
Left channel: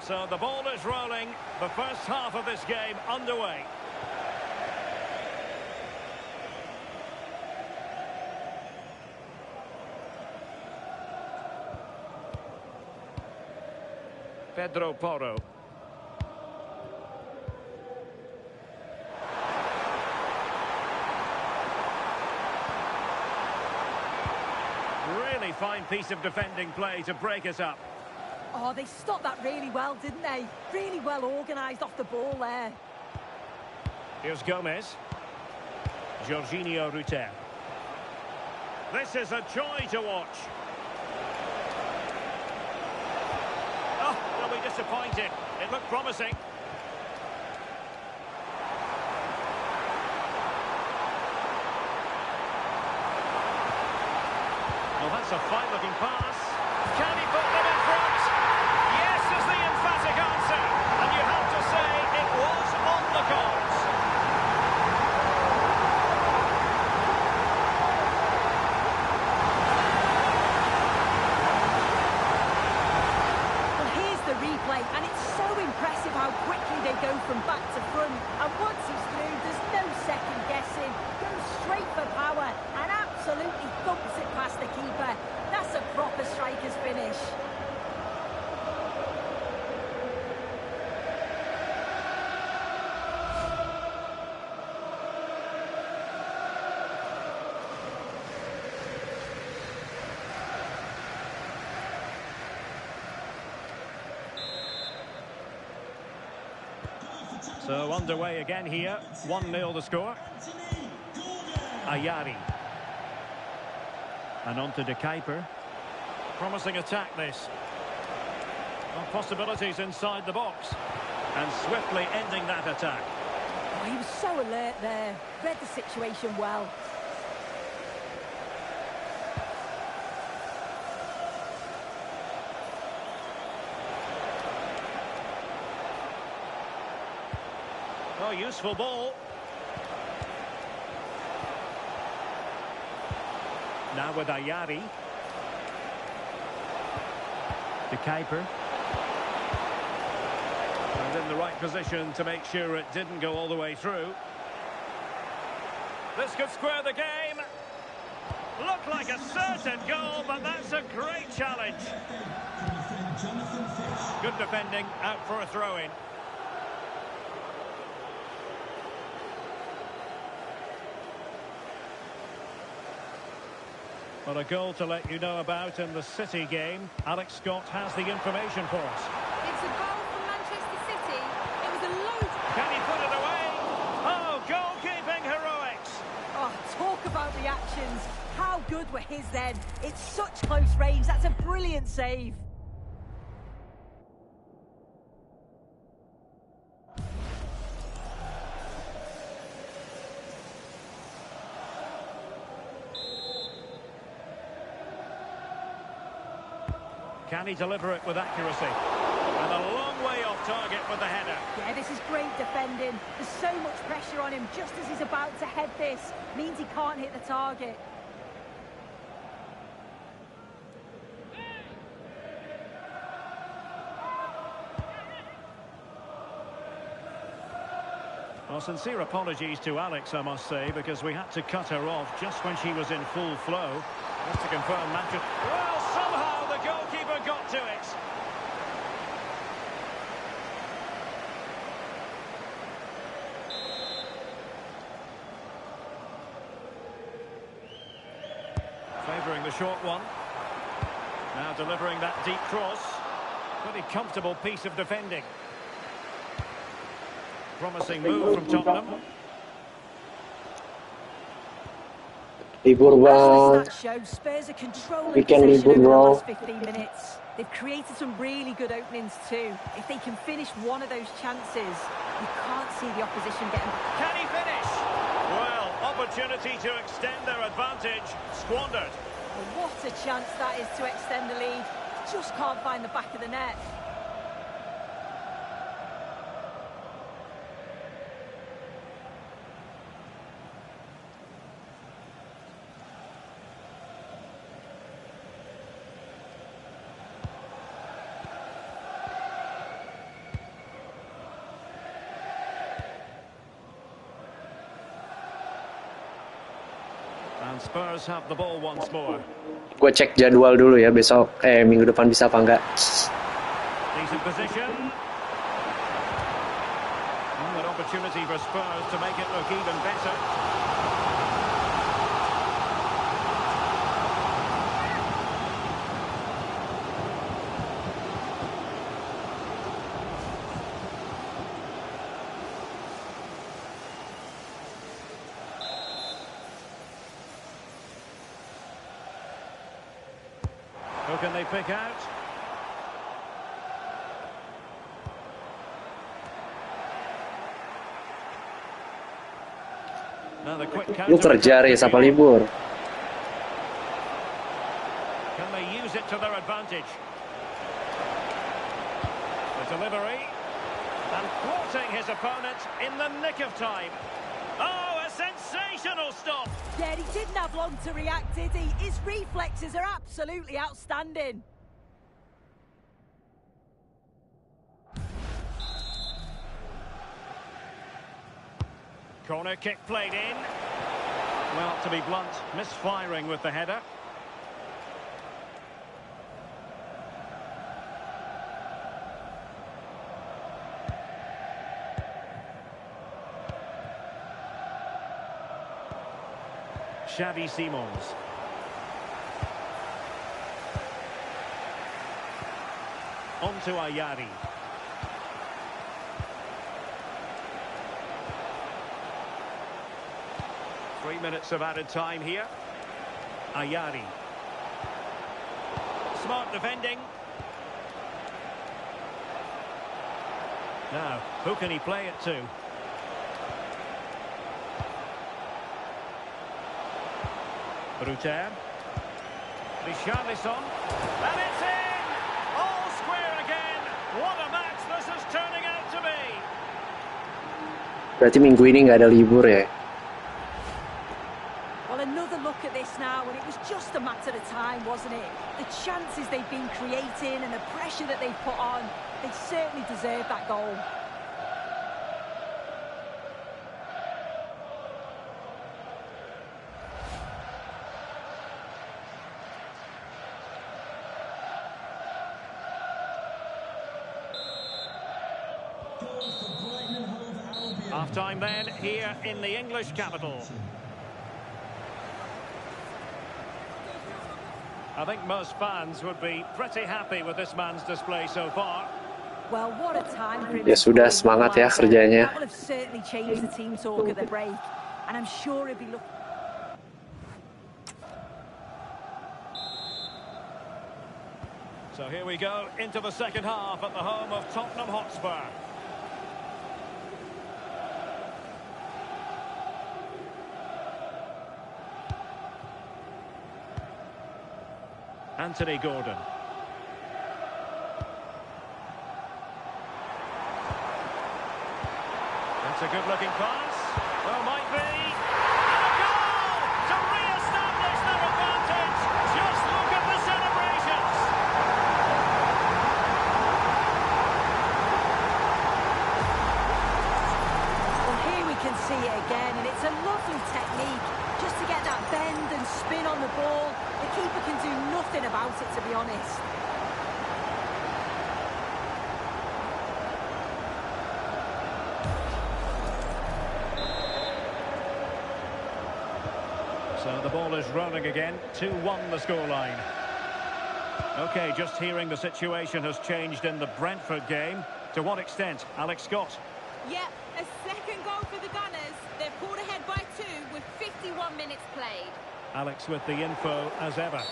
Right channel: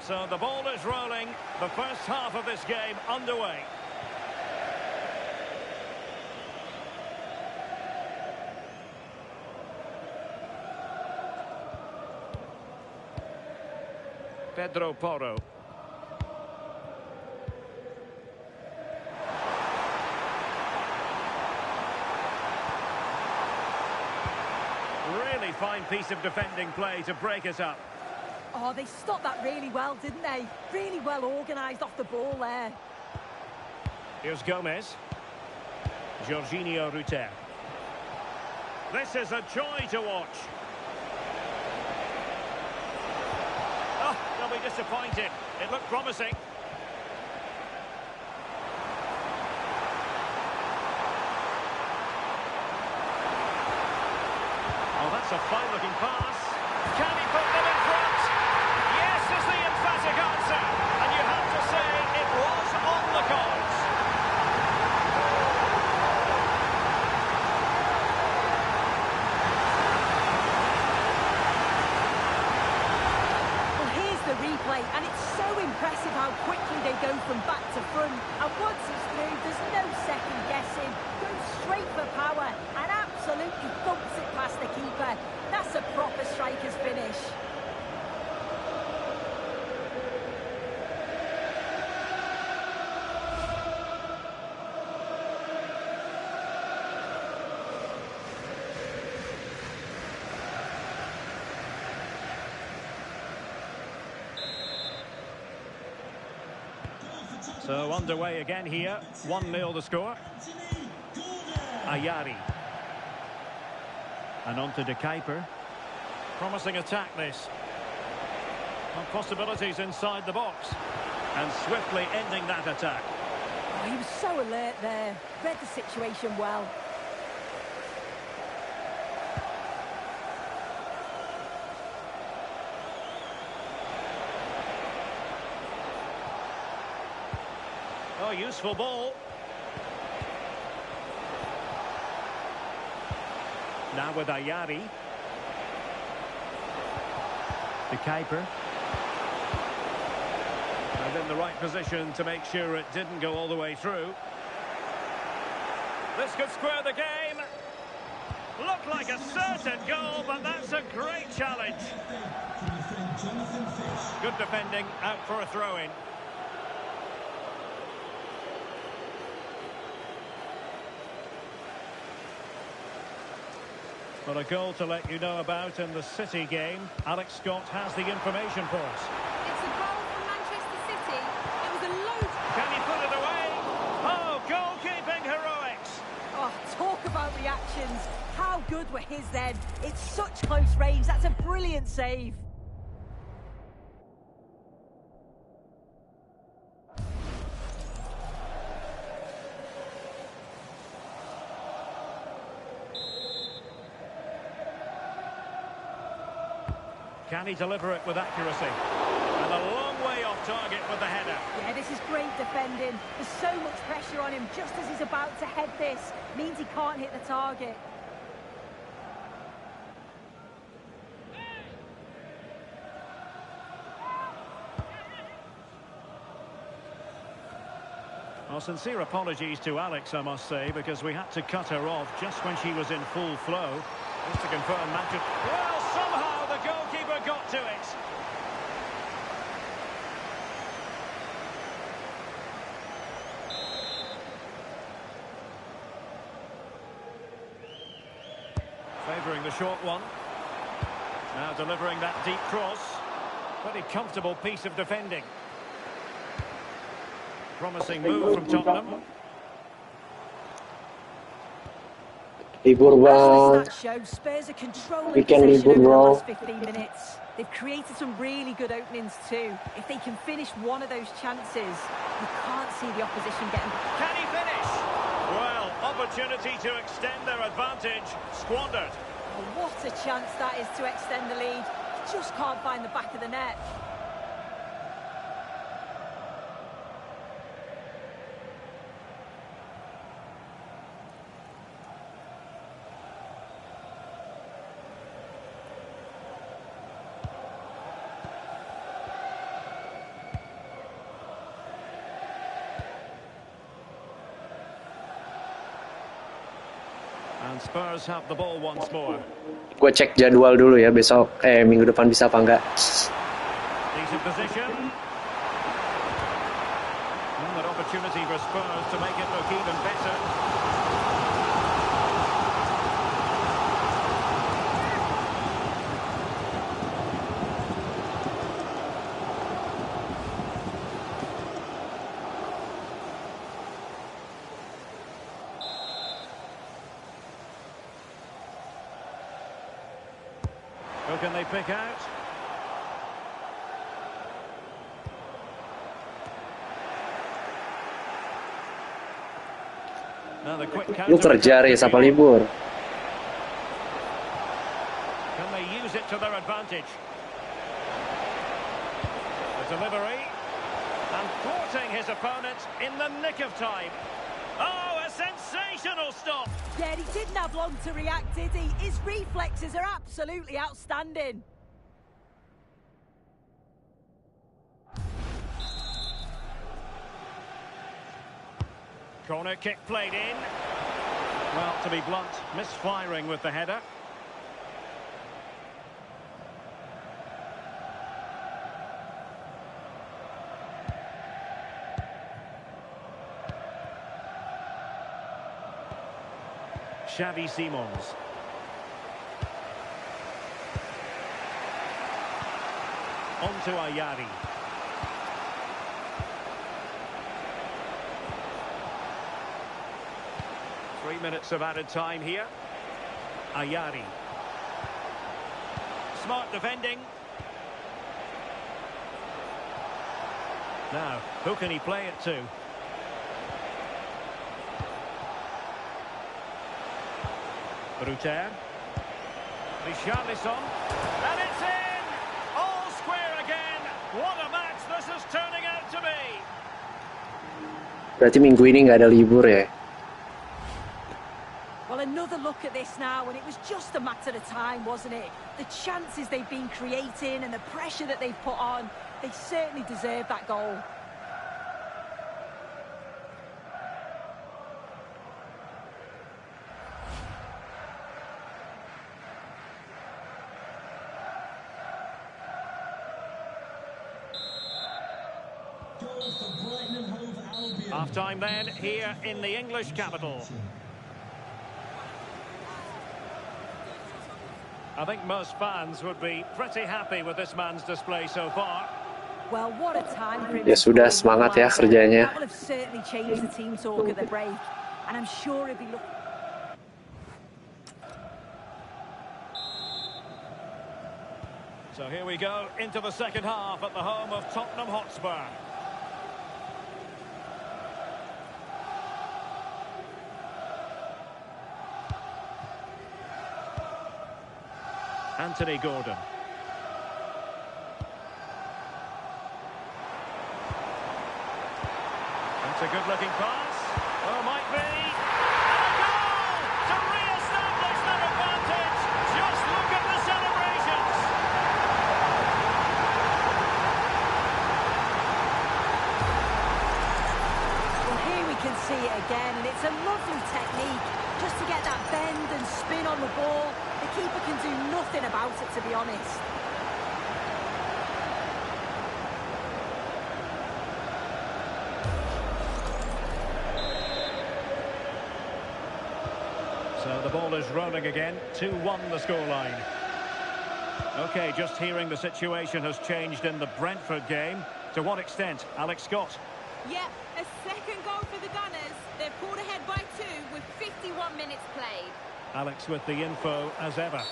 So the ball is rolling. The first half of this game underway. Pedro Porro. Really fine piece of defending play to break us up. Oh, they stopped that really well, didn't they? Really well organised off the ball there. Here's Gomez. Jorginho Rutter. This is a joy to watch. Oh, they'll be disappointed. It looked promising. Oh, that's a fine-looking pass. Can he put them in front? Yes is the emphatic answer. And you have to say it was on the cards. Well, here's the replay, and it's so impressive how quickly they go from back to front. And once he's through, there's no second guessing. Goes straight for power and absolutely thumps it past the keeper. That's a proper striker's finish. So underway again here. 1-0 the score. Ayari. And on to De Kuiper. Promising attack this. Well, possibilities inside the box. And swiftly ending that attack. Oh, he was so alert there. Read the situation well. Oh, useful ball. Now with Ayari. De Kuiper. And in the right position to make sure it didn't go all the way through. This could square the game. Looked like a certain goal, but that's a great challenge. Good defending, out for a throw-in. Well, a goal to let you know about in the City game. Alex Scott has the information for us. It's a goal for Manchester City. It was a load. Can he put it away? Oh, goalkeeping heroics. Oh, talk about reactions. How good were his then? It's such close range. That's a brilliant save. Can he deliver it with accuracy? And a long way off target with the header. Yeah, this is great defending. There's so much pressure on him just as he's about to head this. Means he can't hit the target. Well, sincere apologies to Alex, I must say, because we had to cut her off just when she was in full flow. Just to confirm, Manchester... Well, somehow the goalkeeper got to it. Favouring the short one. Now delivering that deep cross. Pretty comfortable piece of defending. Promising move from Tottenham. Libur As the bang. stats show, Spurs are controlling Weekend possession libur, over the bro. last 15 minutes. They've created some really good openings too. If they can finish one of those chances, you can't see the opposition getting back. Can he finish? Well, opportunity to extend their advantage, squandered. Oh, what a chance that is to extend the lead. Just can't find the back of the net. And Spurs have the ball once more. Gue cek jadwal dulu ya besok. Minggu depan bisa apa enggak? Decent position. An opportunity for Spurs to make it look even better. Who can they pick out? Now the quick Lu kerja Riz, apa libur? Can they use it to their advantage? The delivery. And thwarting his opponent in the nick of time. Oh, a sensational stop! Yeah, he didn't have long to react, did he? His reflexes are absolutely outstanding. Corner kick played in. Well, to be blunt, misfiring with the header. Xavi Simons. On to Ayari. Three minutes of added time here. Ayari. Smart defending. Now, who can he play it to? Ruter. Richarlison. And it's in! All square again. What a match this is turning out to be. Berarti minggu ini nggak ada libur ya? Well, another look at this now, and it was just a matter of time, wasn't it? The chances they've been creating and the pressure that they've put on, they certainly deserve that goal. Half time then, here in the English capital. I think most fans would be pretty happy with this man's display so far. Well, what a time for him. Ya sudah, semangat ya kerjanya. That will have certainly changed the team talk at the break, and I'm sure he'll be looking. So here we go into the second half at the home of Tottenham Hotspur. Anthony Gordon. That's a good-looking pass. Well, might be. And a goal to re-establish their advantage. Just look at the celebrations. Well, here we can see it again, and it's a lovely technique. Just to get that bend and spin on the ball, the keeper can do nothing about it, to be honest. So the ball is rolling again. 2-1 the scoreline. OK, just hearing the situation has changed in the Brentford game. To what extent, Alex Scott? Yep, a second goal for the Gunners. They're pulled ahead by 2 with 51 minutes played. Alex with the info as ever.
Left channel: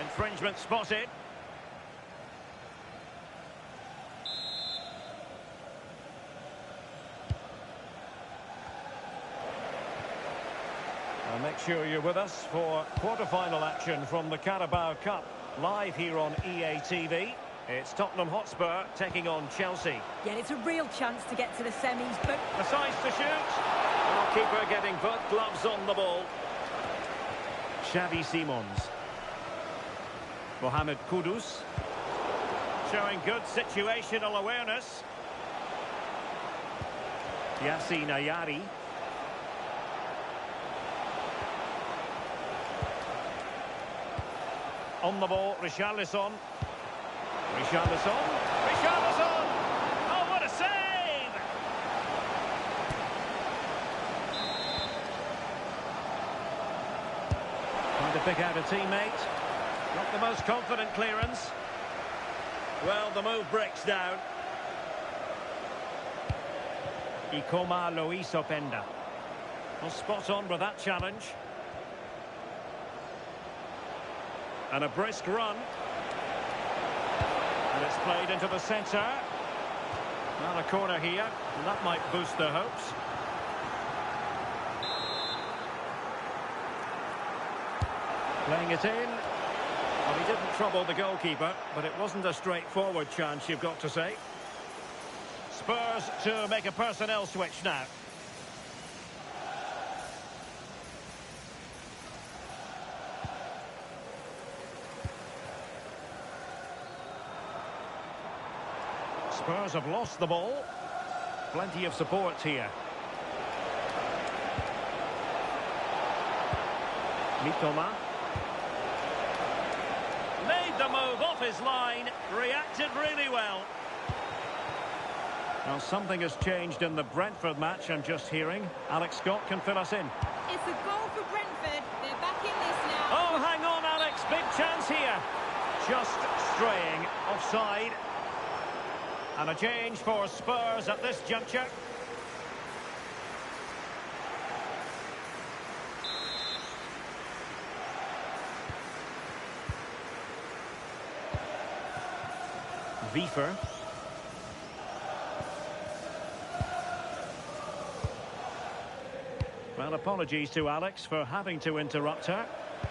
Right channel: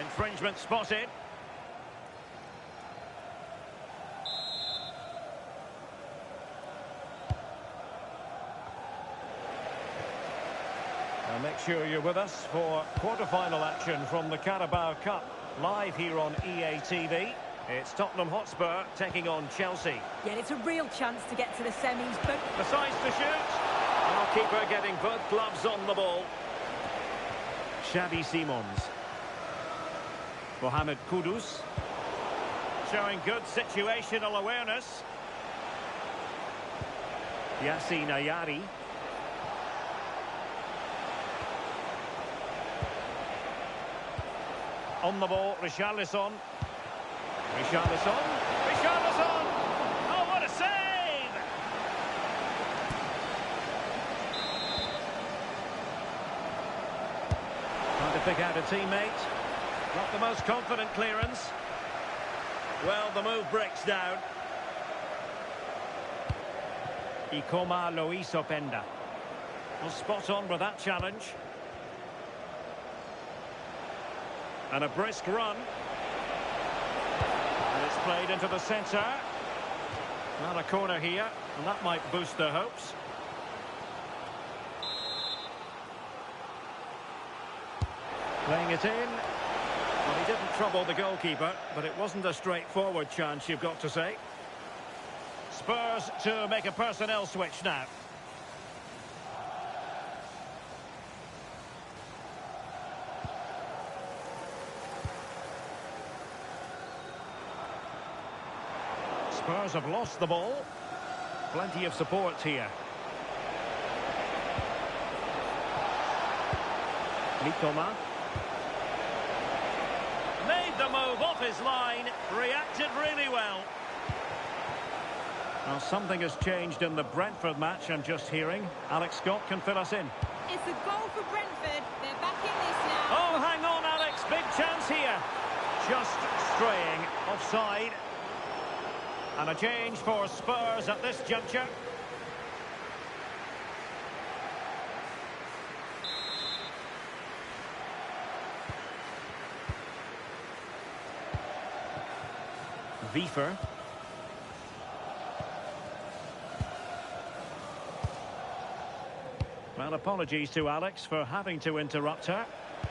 Infringement spotted. Now make sure you're with us for quarter-final action from the Carabao Cup, live here on EA TV. It's Tottenham Hotspur taking on Chelsea. Yeah, it's a real chance to get to the semis, but... Decides to shoot. Our keeper getting both gloves on the ball. Xavi Simons. Mohamed Kudus. Showing good situational awareness. Yassine Ayari. On the ball, Richarlison. Richarlison. Richarlison! Oh, what a save! Trying to pick out a teammate. Not the most confident clearance. Well, the move breaks down. Ikoma Loisopenda. Well, spot on with that challenge. And a brisk run. And it's played into the centre. Not a corner here, and that might boost their hopes. Playing it in. Well, he didn't trouble the goalkeeper, but it wasn't a straightforward chance, you've got to say. Spurs to make a personnel switch now. Spurs have lost the ball. Plenty of support here. Mitoma. Made the move off his line. Reacted really well. Well, something has changed in the Brentford match, I'm just hearing. Alex Scott can fill us in. It's a goal for Brentford. They're back in this now. Oh, hang on, Alex. Big chance here. Just straying offside. And a change for Spurs at this juncture. Wiefer. Well, apologies to Alex for having to interrupt her.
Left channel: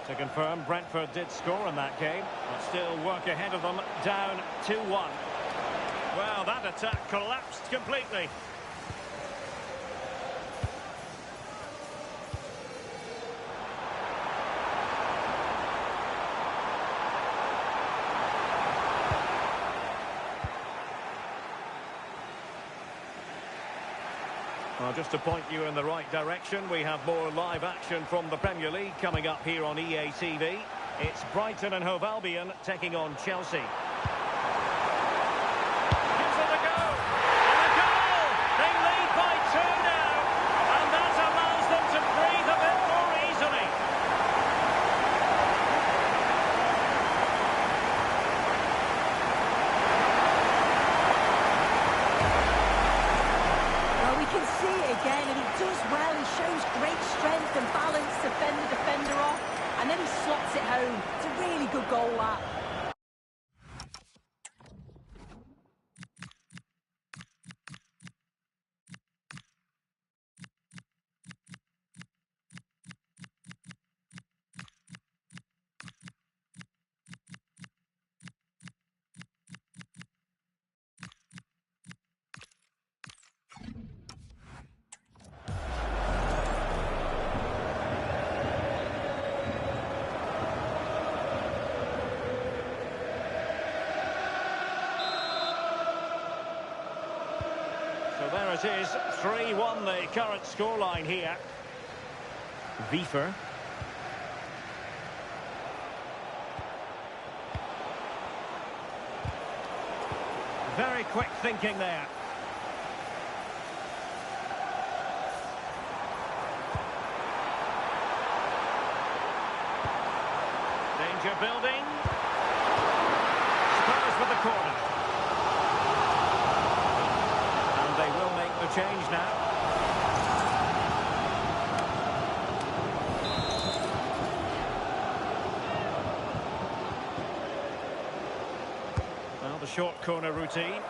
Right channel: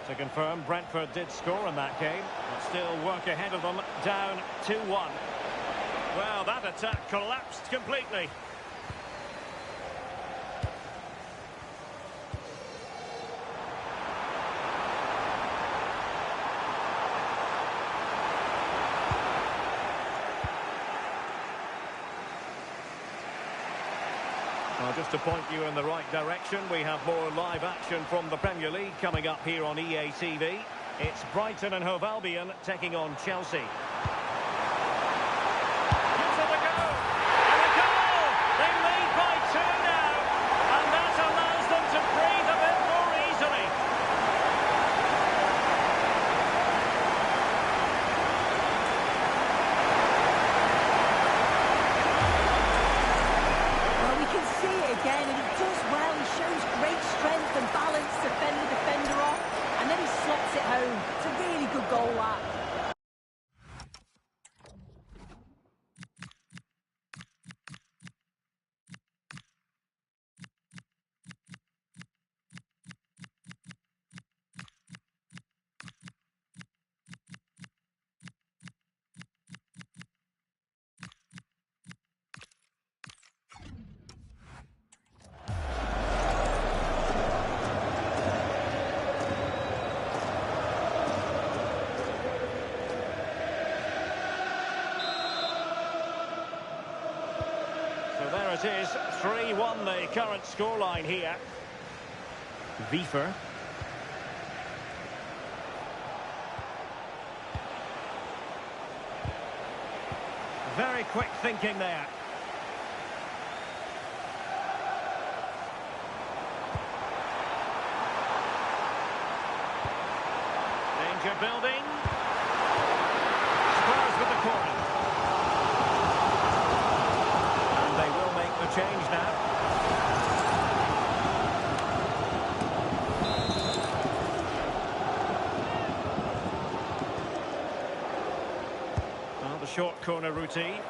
To confirm, Brentford did score in that game, but still work ahead of them, down 2-1. Well, that attack collapsed completely. Well, just to point you in the right direction, we have more live action from the Premier League coming up here on EA TV. It's Brighton and Hove Albion taking on Chelsea. Again, and he does well. He shows great strength and balance to fend the defender off, and then he slots it home. It's a really good goal, that. So there it is, 3-1 the current scoreline here. Wiefer. Very quick thinking there. Danger building. Spurs with the corner. They will make the change now. the short corner routine. And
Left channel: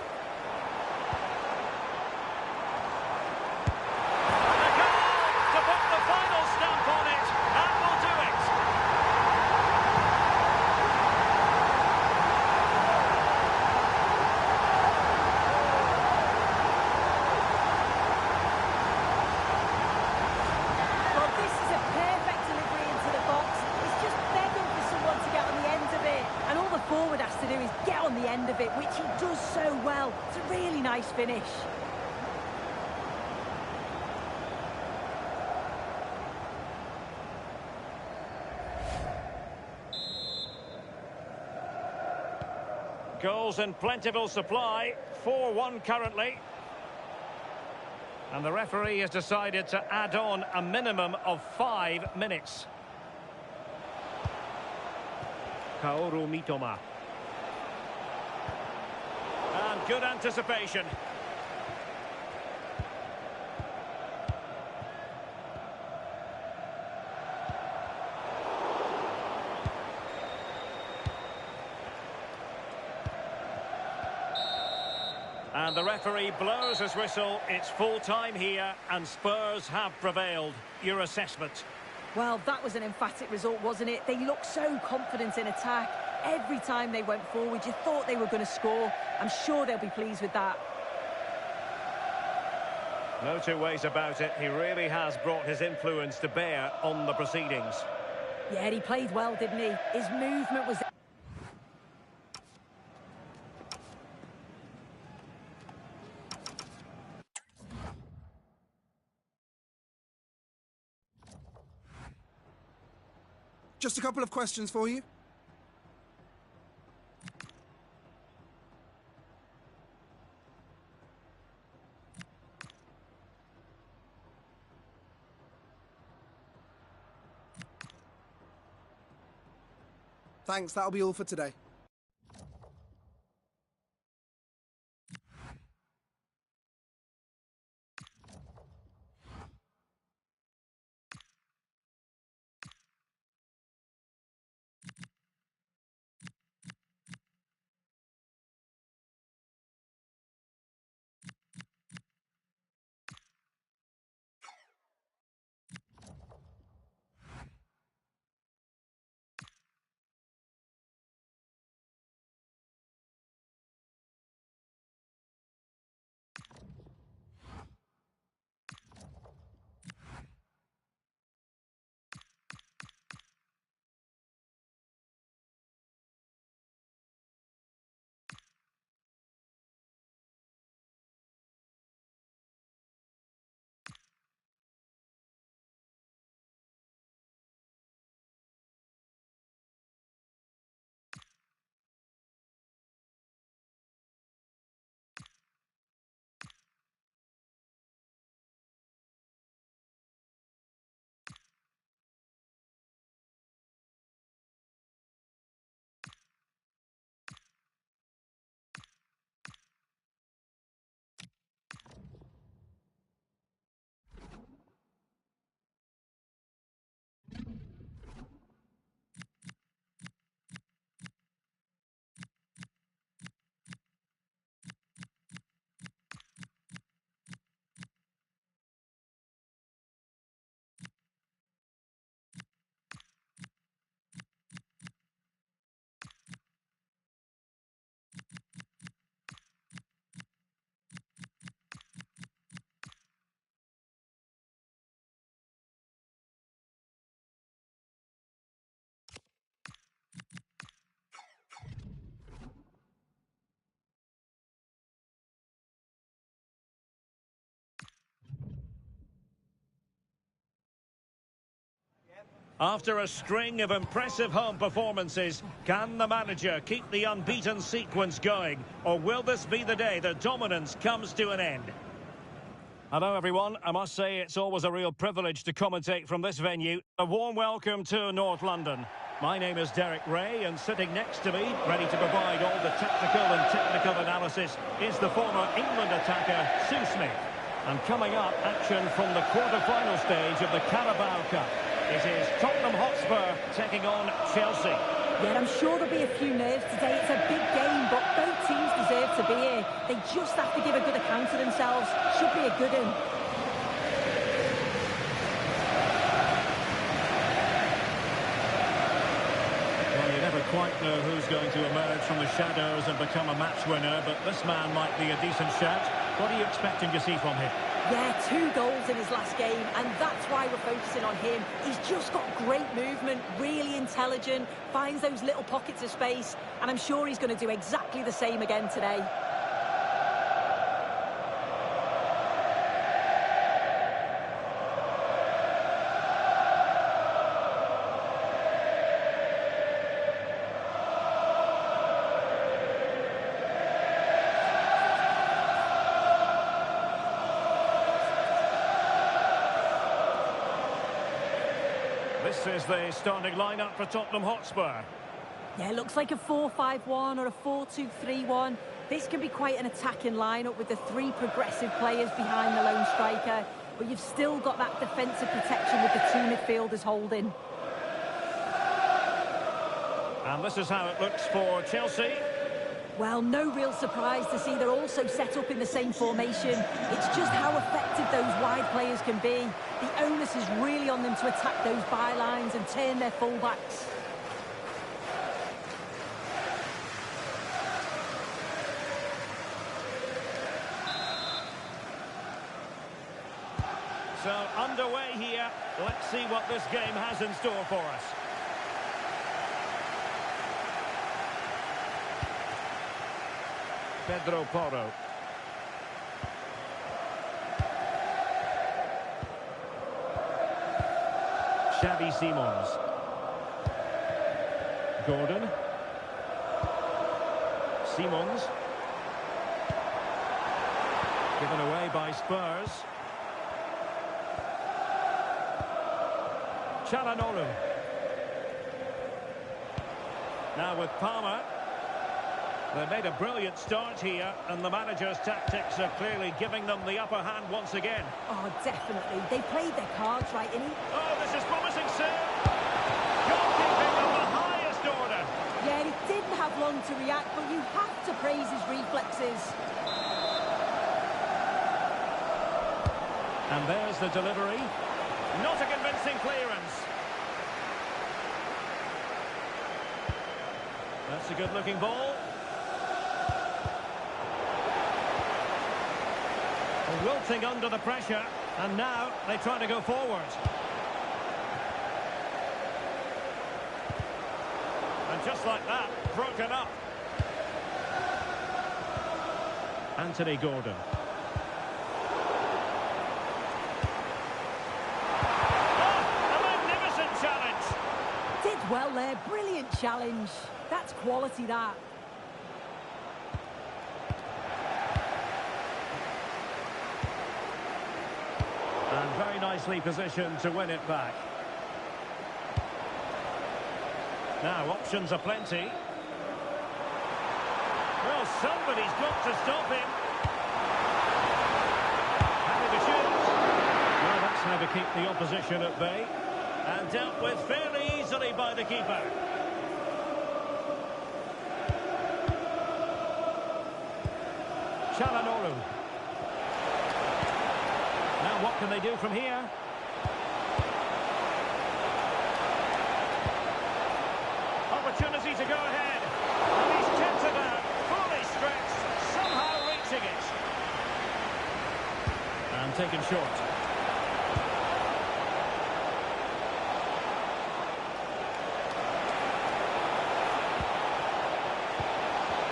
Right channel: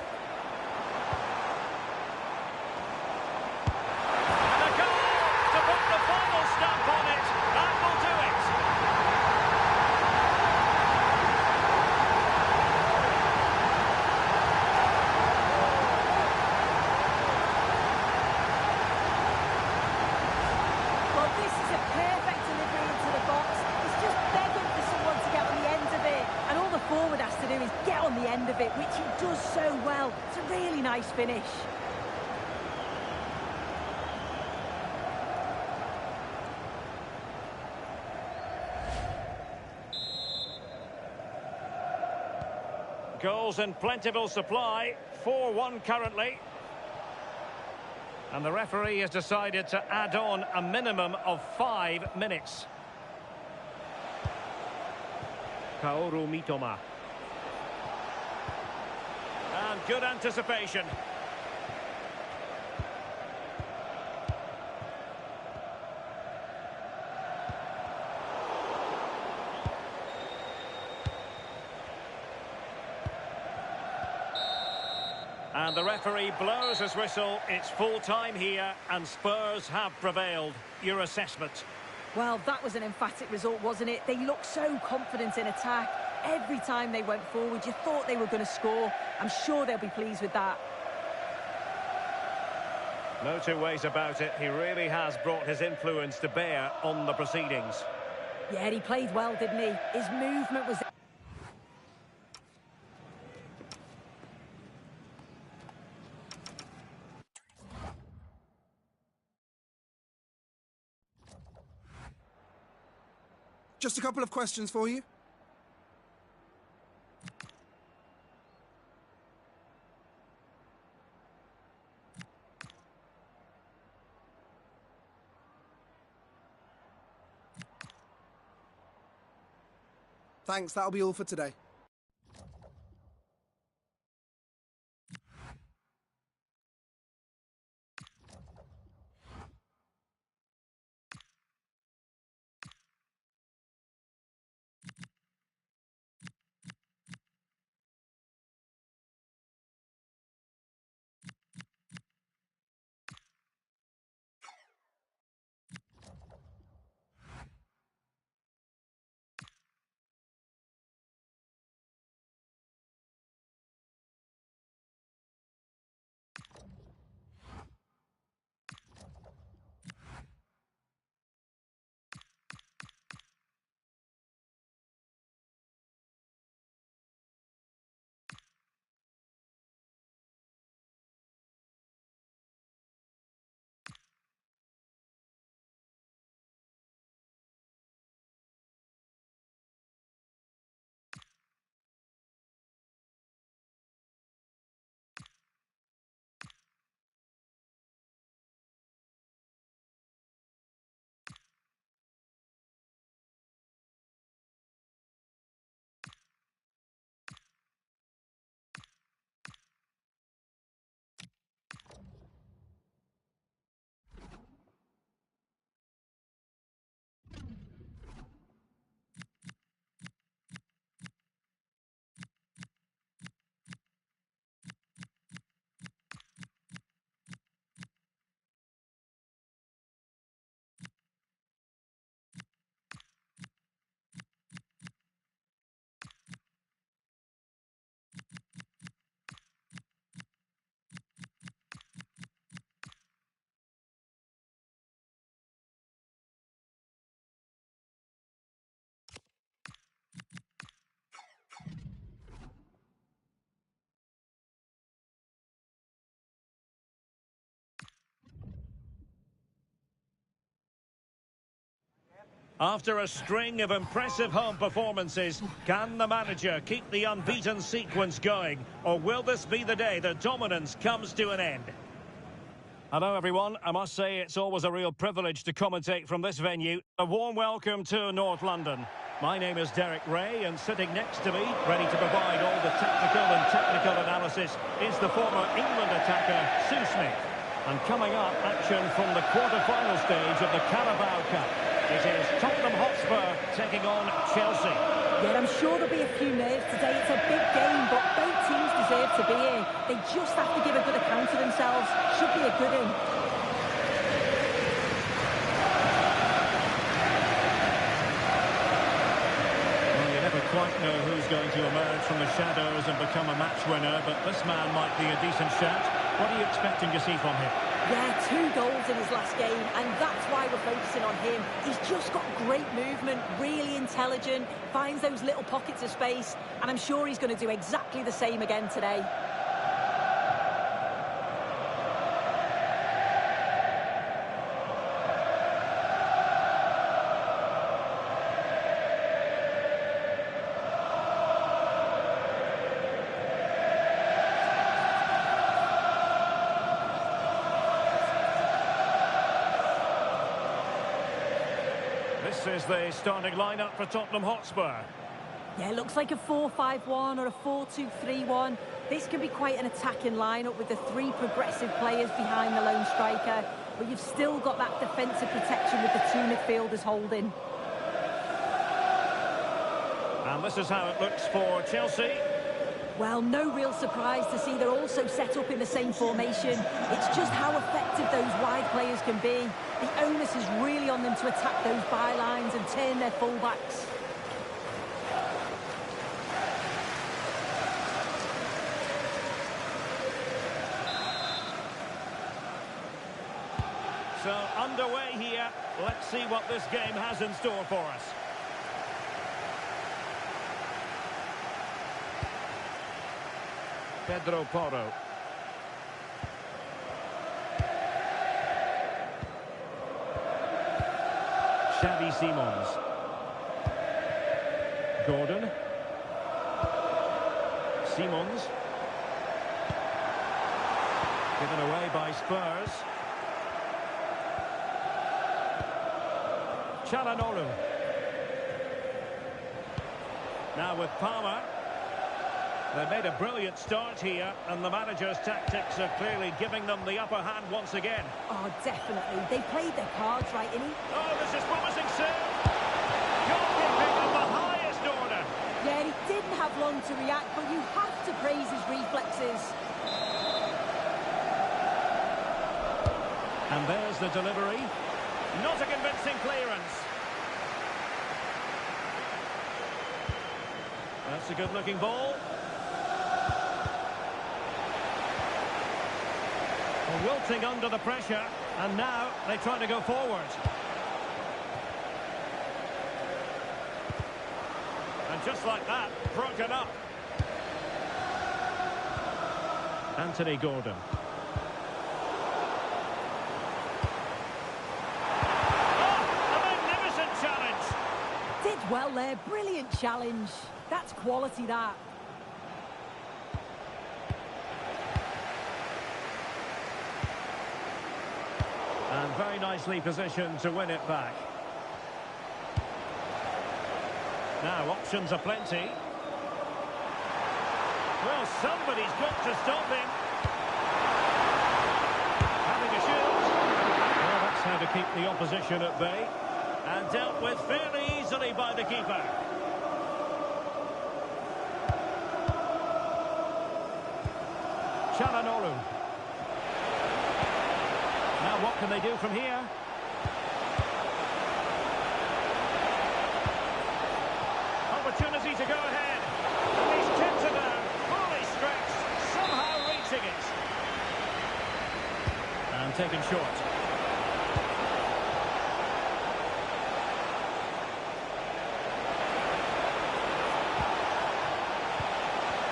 a goal to put the final stamp on it. That will do it. Well, this is a perfect delivery into the box. It's just begging for someone to get on the end of it. And all the forward has to do is get on the end of it, which he does so well. It's a really nice finish. Goals in plentiful supply. 4-1 currently. And the referee has decided to add on a minimum of 5 minutes. Kaoru Mitoma. And good anticipation. And the referee blows his whistle. It's full time here, and Spurs have prevailed. Your assessment? Well, that was an emphatic result, wasn't it? They looked so confident in attack. Every time they went forward, you thought they were going to score. I'm sure they'll be pleased with that. No two ways about it. He really has brought his influence to bear on the proceedings. Yeah, he played well, didn't he? His movement was... Just a couple of questions for you. Thanks, that'll be all for today. After a string of impressive home performances, can the manager keep the unbeaten sequence going? Or will this be the day the dominance comes to an end? Hello everyone, I must say it's always a real privilege to commentate from this venue. A warm welcome to North London. My name is Derek Ray, and sitting next to me, ready to provide all the tactical and technical analysis, is the former England attacker, Sue Smith. And coming up, action from the quarter-final stage of the Carabao Cup. It is Tottenham Hotspur taking on Chelsea. Yeah, I'm sure there'll be a few nerves today. It's a big game, but both teams deserve to be here. They just have to give a good account of themselves. Should be a good one. Well, you never quite know who's going to emerge from the shadows and become a match winner, but this man might be a decent shout. What are you expecting to see from him? Yeah, 2 goals in his last game, and that's why we're focusing on him. He's just got great movement, really intelligent, finds those little pockets of space, and I'm sure he's going to do exactly the same again today. This is the starting lineup for Tottenham Hotspur. Yeah, it looks like a 4-5-1 or a 4-2-3-1. This can be quite an attacking lineup with the 3 progressive players behind the lone striker, but you've still got that defensive protection with the 2 midfielders holding. And this is how it looks for Chelsea. Well, no real surprise to see they're also set up in the same formation. It's just how effective those wide players can be. The onus is really on them to attack those bylines and turn their fullbacks. So, underway here. Let's see what this game has in store for us. Pedro Porro. Xavi Simons. Gordon. Simons. Given away by Spurs. Çalhanoğlu. Now with Palmer. They made a brilliant start here, and the manager's tactics are clearly giving them the upper hand once again. Oh, definitely. They played their cards right, innit? Oh, this is promising soon. Goalkeeping of the highest order. Yeah, he didn't have long to react, but you have to praise his reflexes. And there's the delivery. Not a convincing clearance. That's a good-looking ball. Wilting under the pressure, and now they try to go forward. And just like that, broken up. Anthony Gordon. Oh, a magnificent challenge. Did well there, brilliant challenge. That's quality, that. And very nicely positioned to win it back. Now, options are plenty. Well, somebody's got to stop him. Happy to shoot. Well, that's how to keep the opposition at bay. And dealt with fairly easily by the keeper. Çalhanoğlu. Now what can they do from here? Opportunity to go ahead. And he's kept it down, fully stretched, somehow reaching it. And taken short.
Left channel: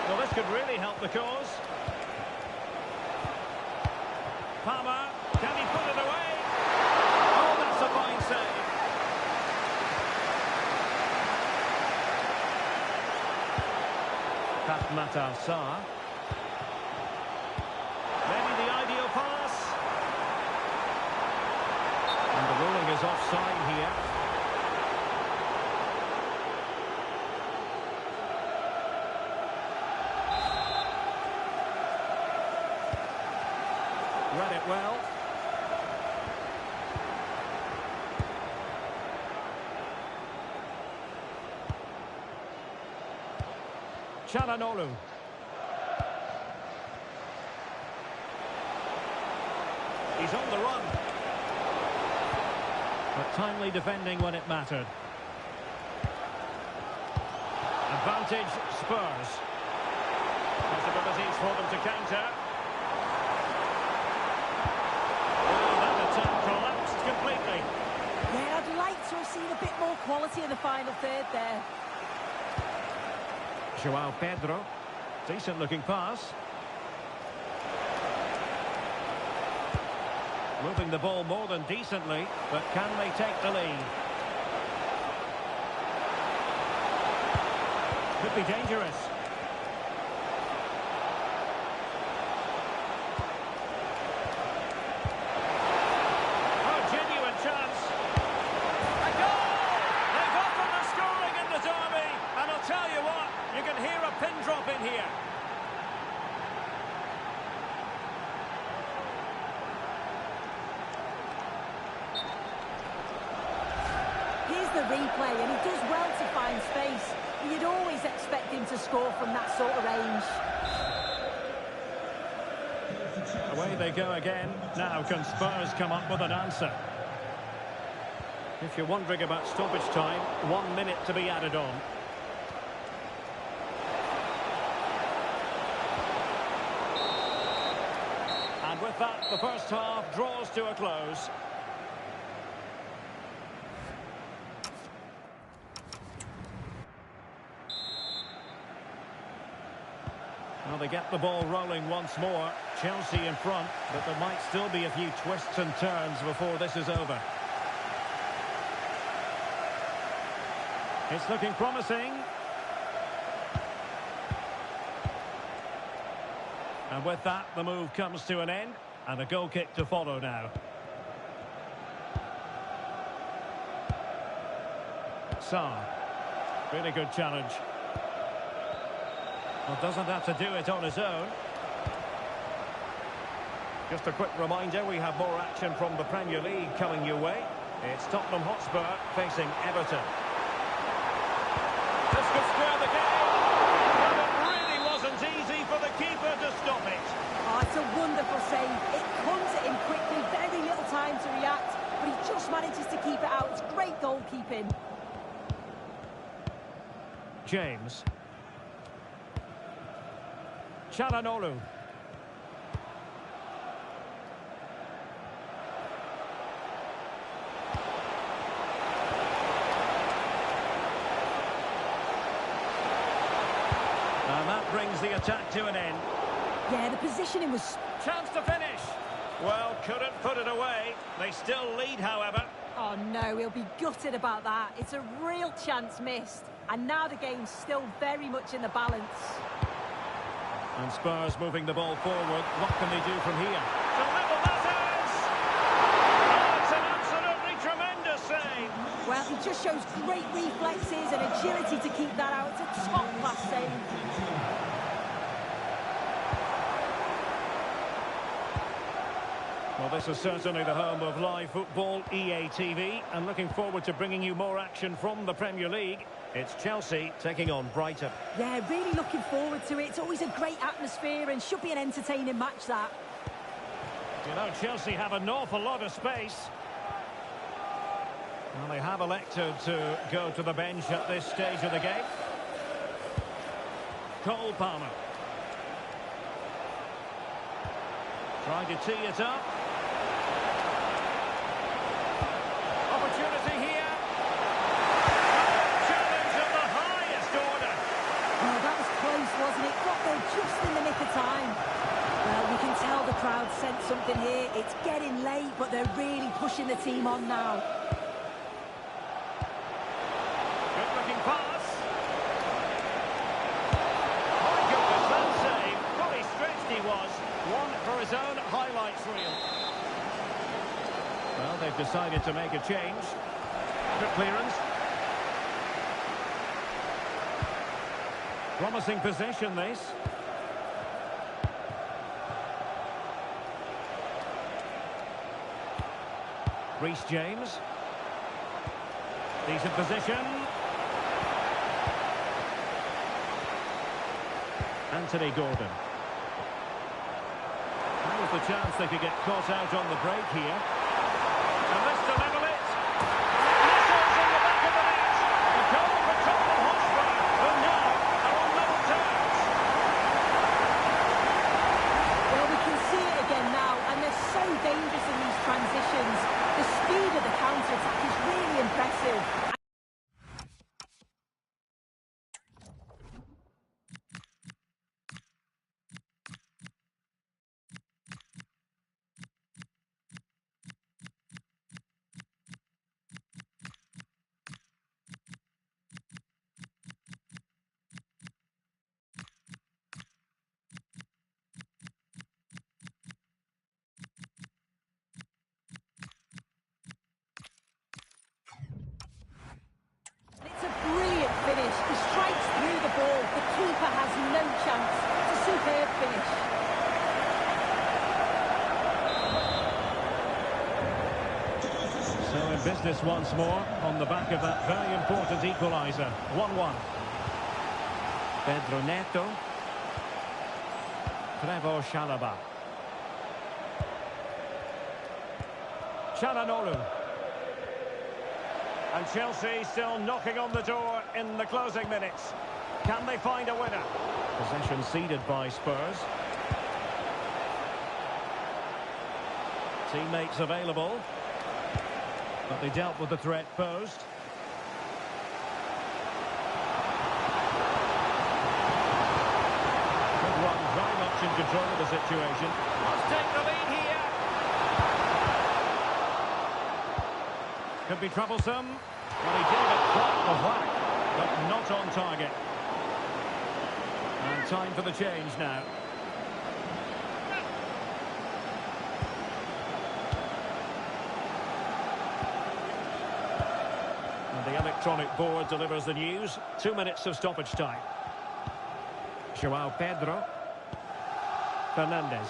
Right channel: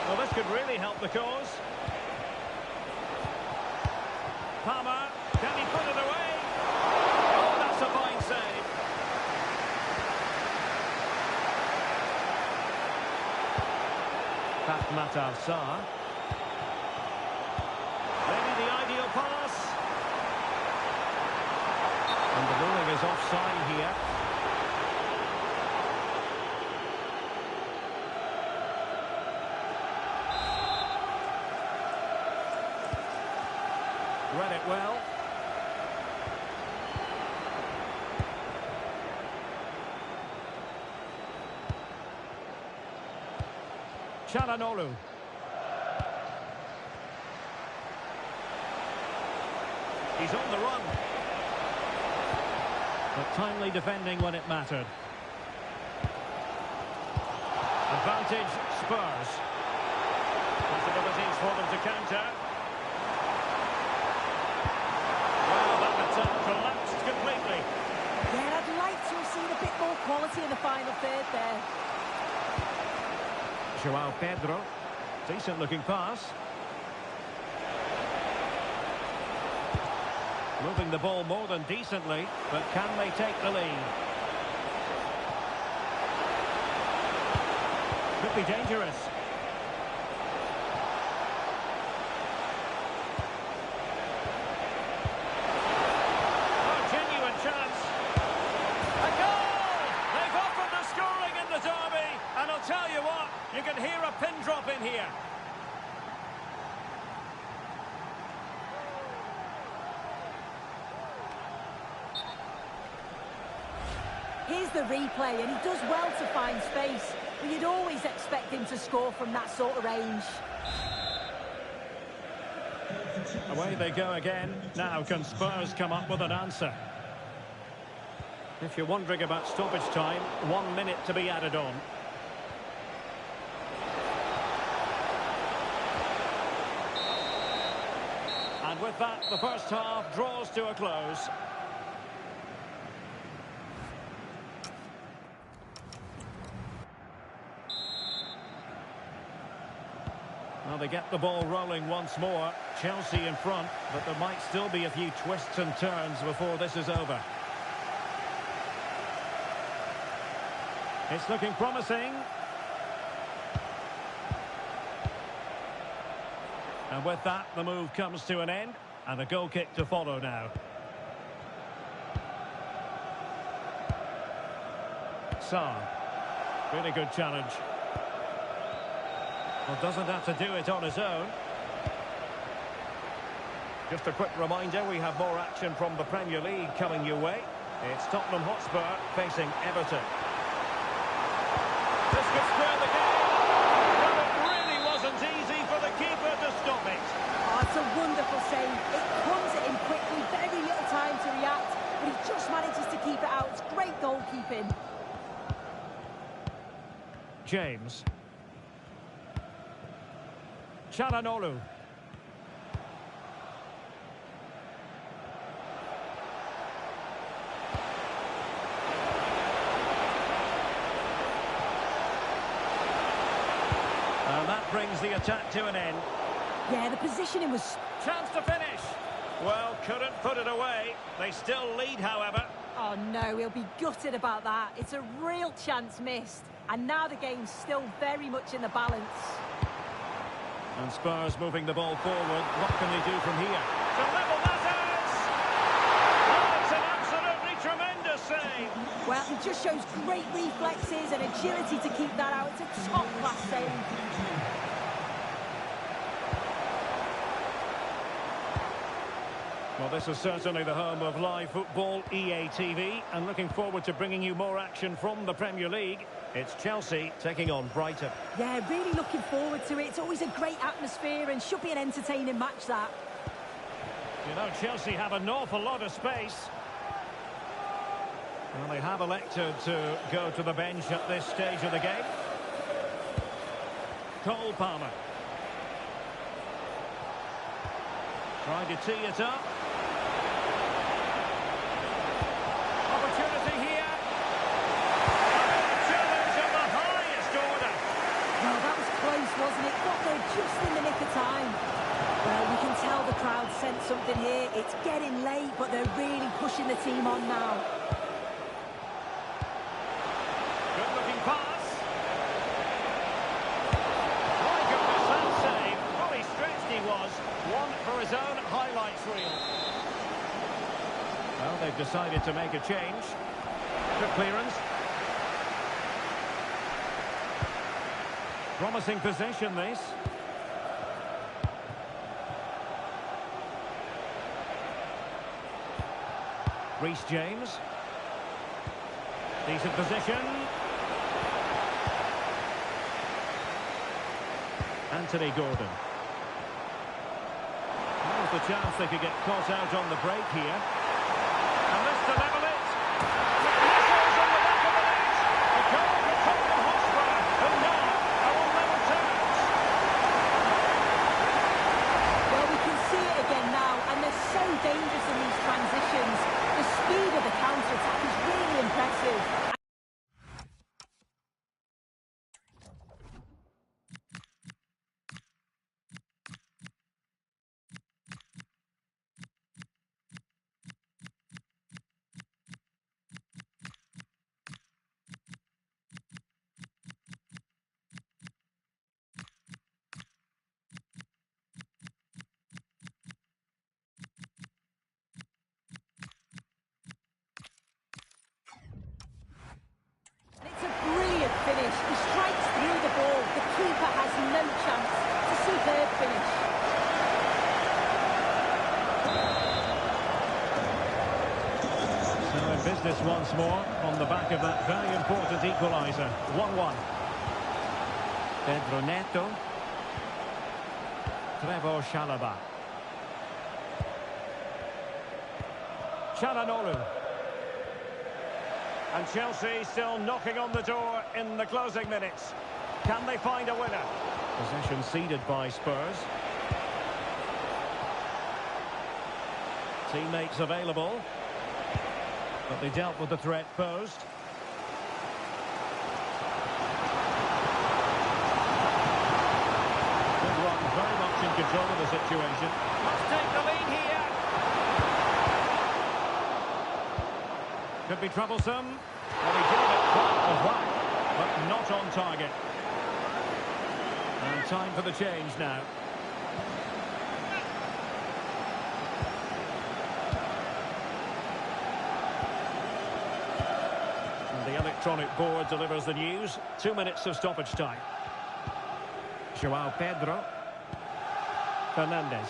Well, this could really help the cause. Palmer, can he put it away? Oh, that's a fine save. Fatmat Al-Sar. Maybe the ideal pass. And the ruling is offside here. Read it well. Çalhanoğlu. He's on the run. But timely defending when it mattered. Advantage Spurs. Possibilities for them to counter. Well, that attack collapsed completely. Yeah, I'd like to have seen a bit more quality in the final third there. João Pedro. Decent looking pass. Moving the ball more than decently, but can they take the lead? Could be dangerous. Oh, genuine chance. A goal! They've offered the scoring in the derby, and I'll tell you what, you can hear a pin drop in here. Here's the replay, and he does well to find space. But you'd always expect him to score from that sort of range. Away they go again. Now can Spurs come up with an answer? If you're wondering about stoppage time, 1 minute to be added on. And with that, the first half draws to a close. Well, they get the ball rolling once more. Chelsea in front, but there might still be a few twists and turns before this is over. It's looking promising. And with that, the move comes to an end, and a goal kick to follow now. Sarr. Really good challenge. Well, doesn't have to do it on his own. Just a quick reminder, we have more action from the Premier League coming your way. It's Tottenham Hotspur facing Everton. This could square the game. Well, it really wasn't easy for the keeper to stop it. Oh, it's a wonderful save. It comes at him quickly, very little time to react, but he just manages to keep it out. It's great goalkeeping. James. Çalhanoğlu. And that brings the attack to an end. Yeah, the positioning was... Chance to finish. Well, couldn't put it away. They still lead, however. Oh, no, he'll be gutted about that. It's a real chance missed. And now the game's still very much in the balance. And Spurs moving the ball forward. What can they do from here? To level matters! Oh, it's an absolutely tremendous save! Well, he just shows great reflexes and agility to keep that out. It's a top-class save. Well, this is certainly the home of live football, EA TV, and looking forward to bringing you more action from the Premier League. It's Chelsea taking on Brighton. Yeah, really looking forward to it. It's always a great atmosphere and should be an entertaining match, that. You know, Chelsea have an awful lot of space. Well, they have elected to go to the bench at this stage of the game. Cole Palmer. Trying to tee it up. Opportunity here. Well, that was close, wasn't it? Got there just in the nick of time. Well, we can tell the crowd sensed something here. It's getting late, but they're really pushing the team on now. Good-looking pass. My goodness, that save. Fully stretched he was. One for his own highlights reel. Well, they've decided to make a change. Good clearance. Promising possession, this. Reece James. Decent position. Anthony Gordon. That was the chance they could get caught out on the break here. And this to level it. And it whistles on the back of the net. A goal for Tottenham Hotspur, who now are on level terms. Well, we can see it again now, and they're so dangerous in these transitions. The speed of the counter-attack is really impressive. It's a brilliant finish. He strikes through the ball. The keeper has no chance. It's a superb finish. So in business once more on the back of that very important equaliser. 1-1. Pedro Neto. Trevor Chalobah. Çalhanoğlu. And Chelsea still knocking on the door in the closing minutes. Can they find a winner? Possession ceded by Spurs. Teammates available. But they dealt with the threat posed. Good run, very much in control of the situation. Must take the lead here. Could be troublesome. Well, he gave it quite a whack, but not on target. And time for the change now. And the electronic board delivers the news. 2 minutes of stoppage time. João Pedro. Fernandes.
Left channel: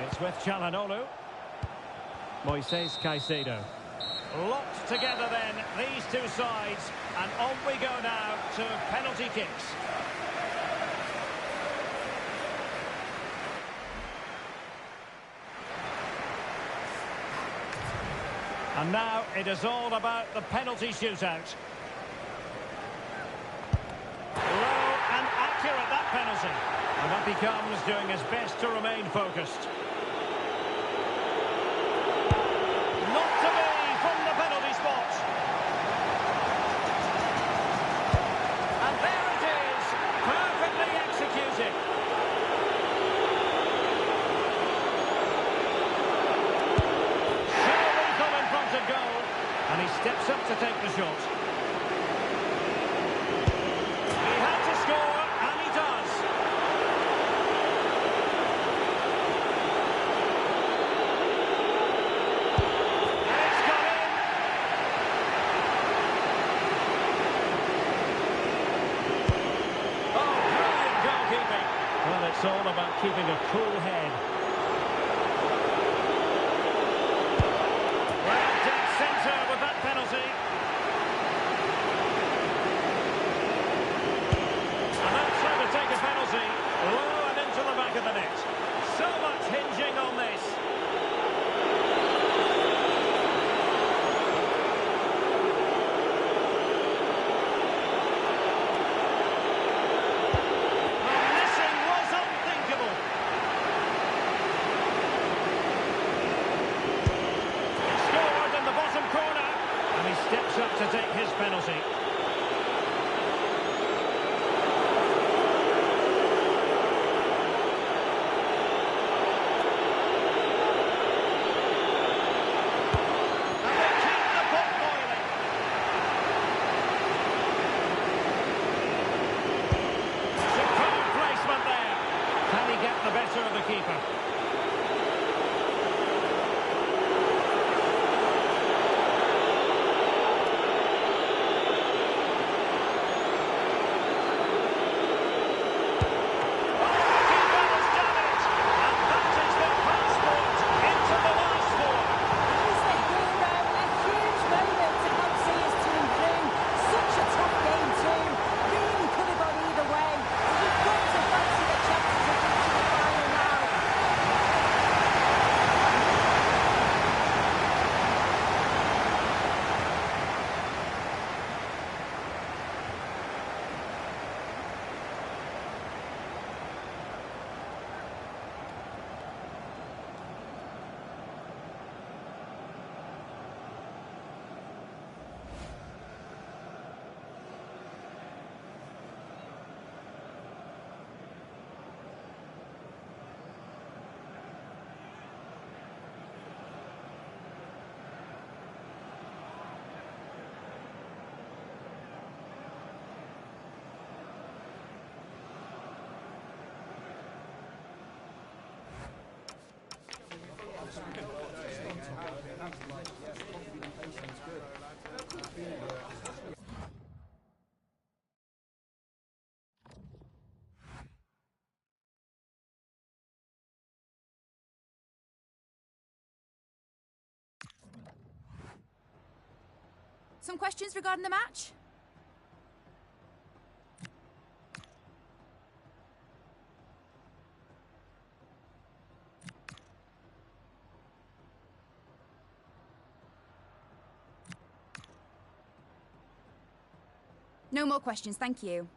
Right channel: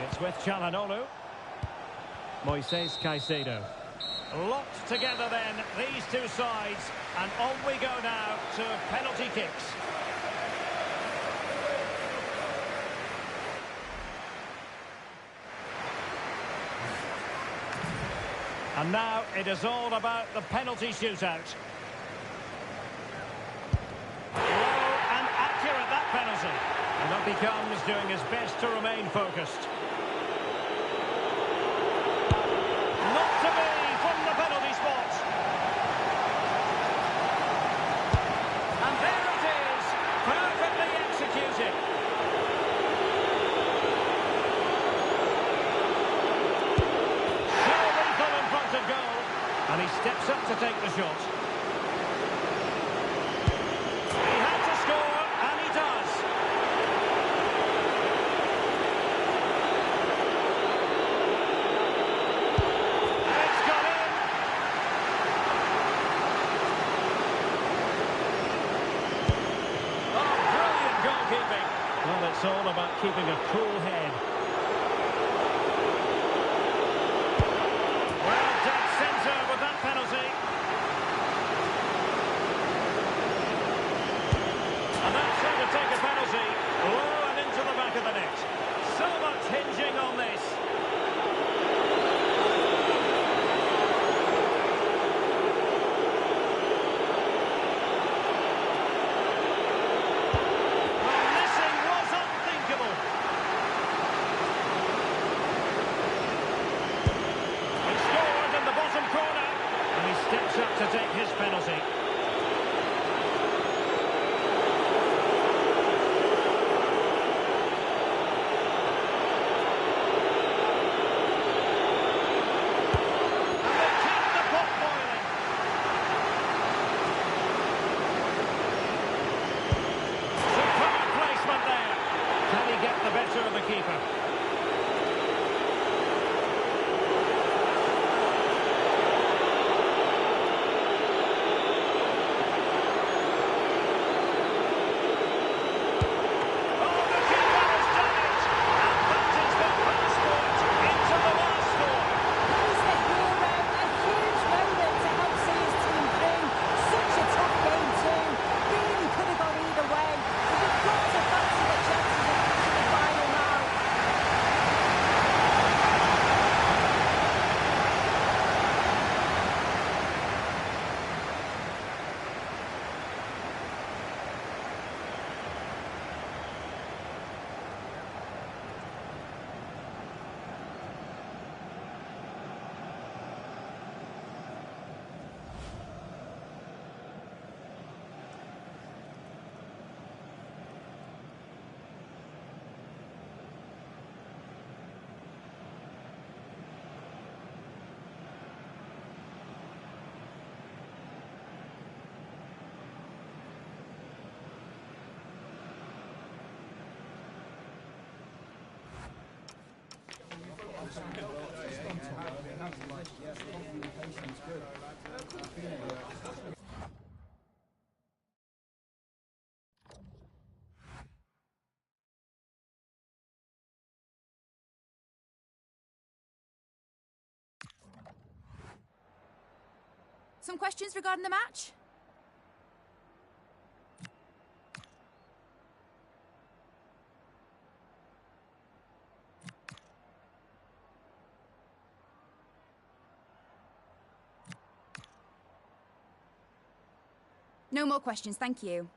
It's with Çalhanoğlu. Moises Caicedo. Locked together then, these two sides. And on we go now to penalty kicks. And now it is all about the penalty shootout. Low and accurate, that penalty. And up he comes, doing his best to remain focused. Not to be from the penalty spot. And there it is, perfectly executed. So lethal in front of goal. And he steps up to take the shot. He had to score, and he does. Well, it's all about keeping a cool head. Well, dead centre with that penalty. And that's how to take a penalty. Low and into the back of the net. So much hinging on this. Bottom corner, and he steps up to take his penalty. And they keep the pot boiling. Superb placement there. Can he get the better of the keeper? Some questions regarding the match? No more questions, thank you.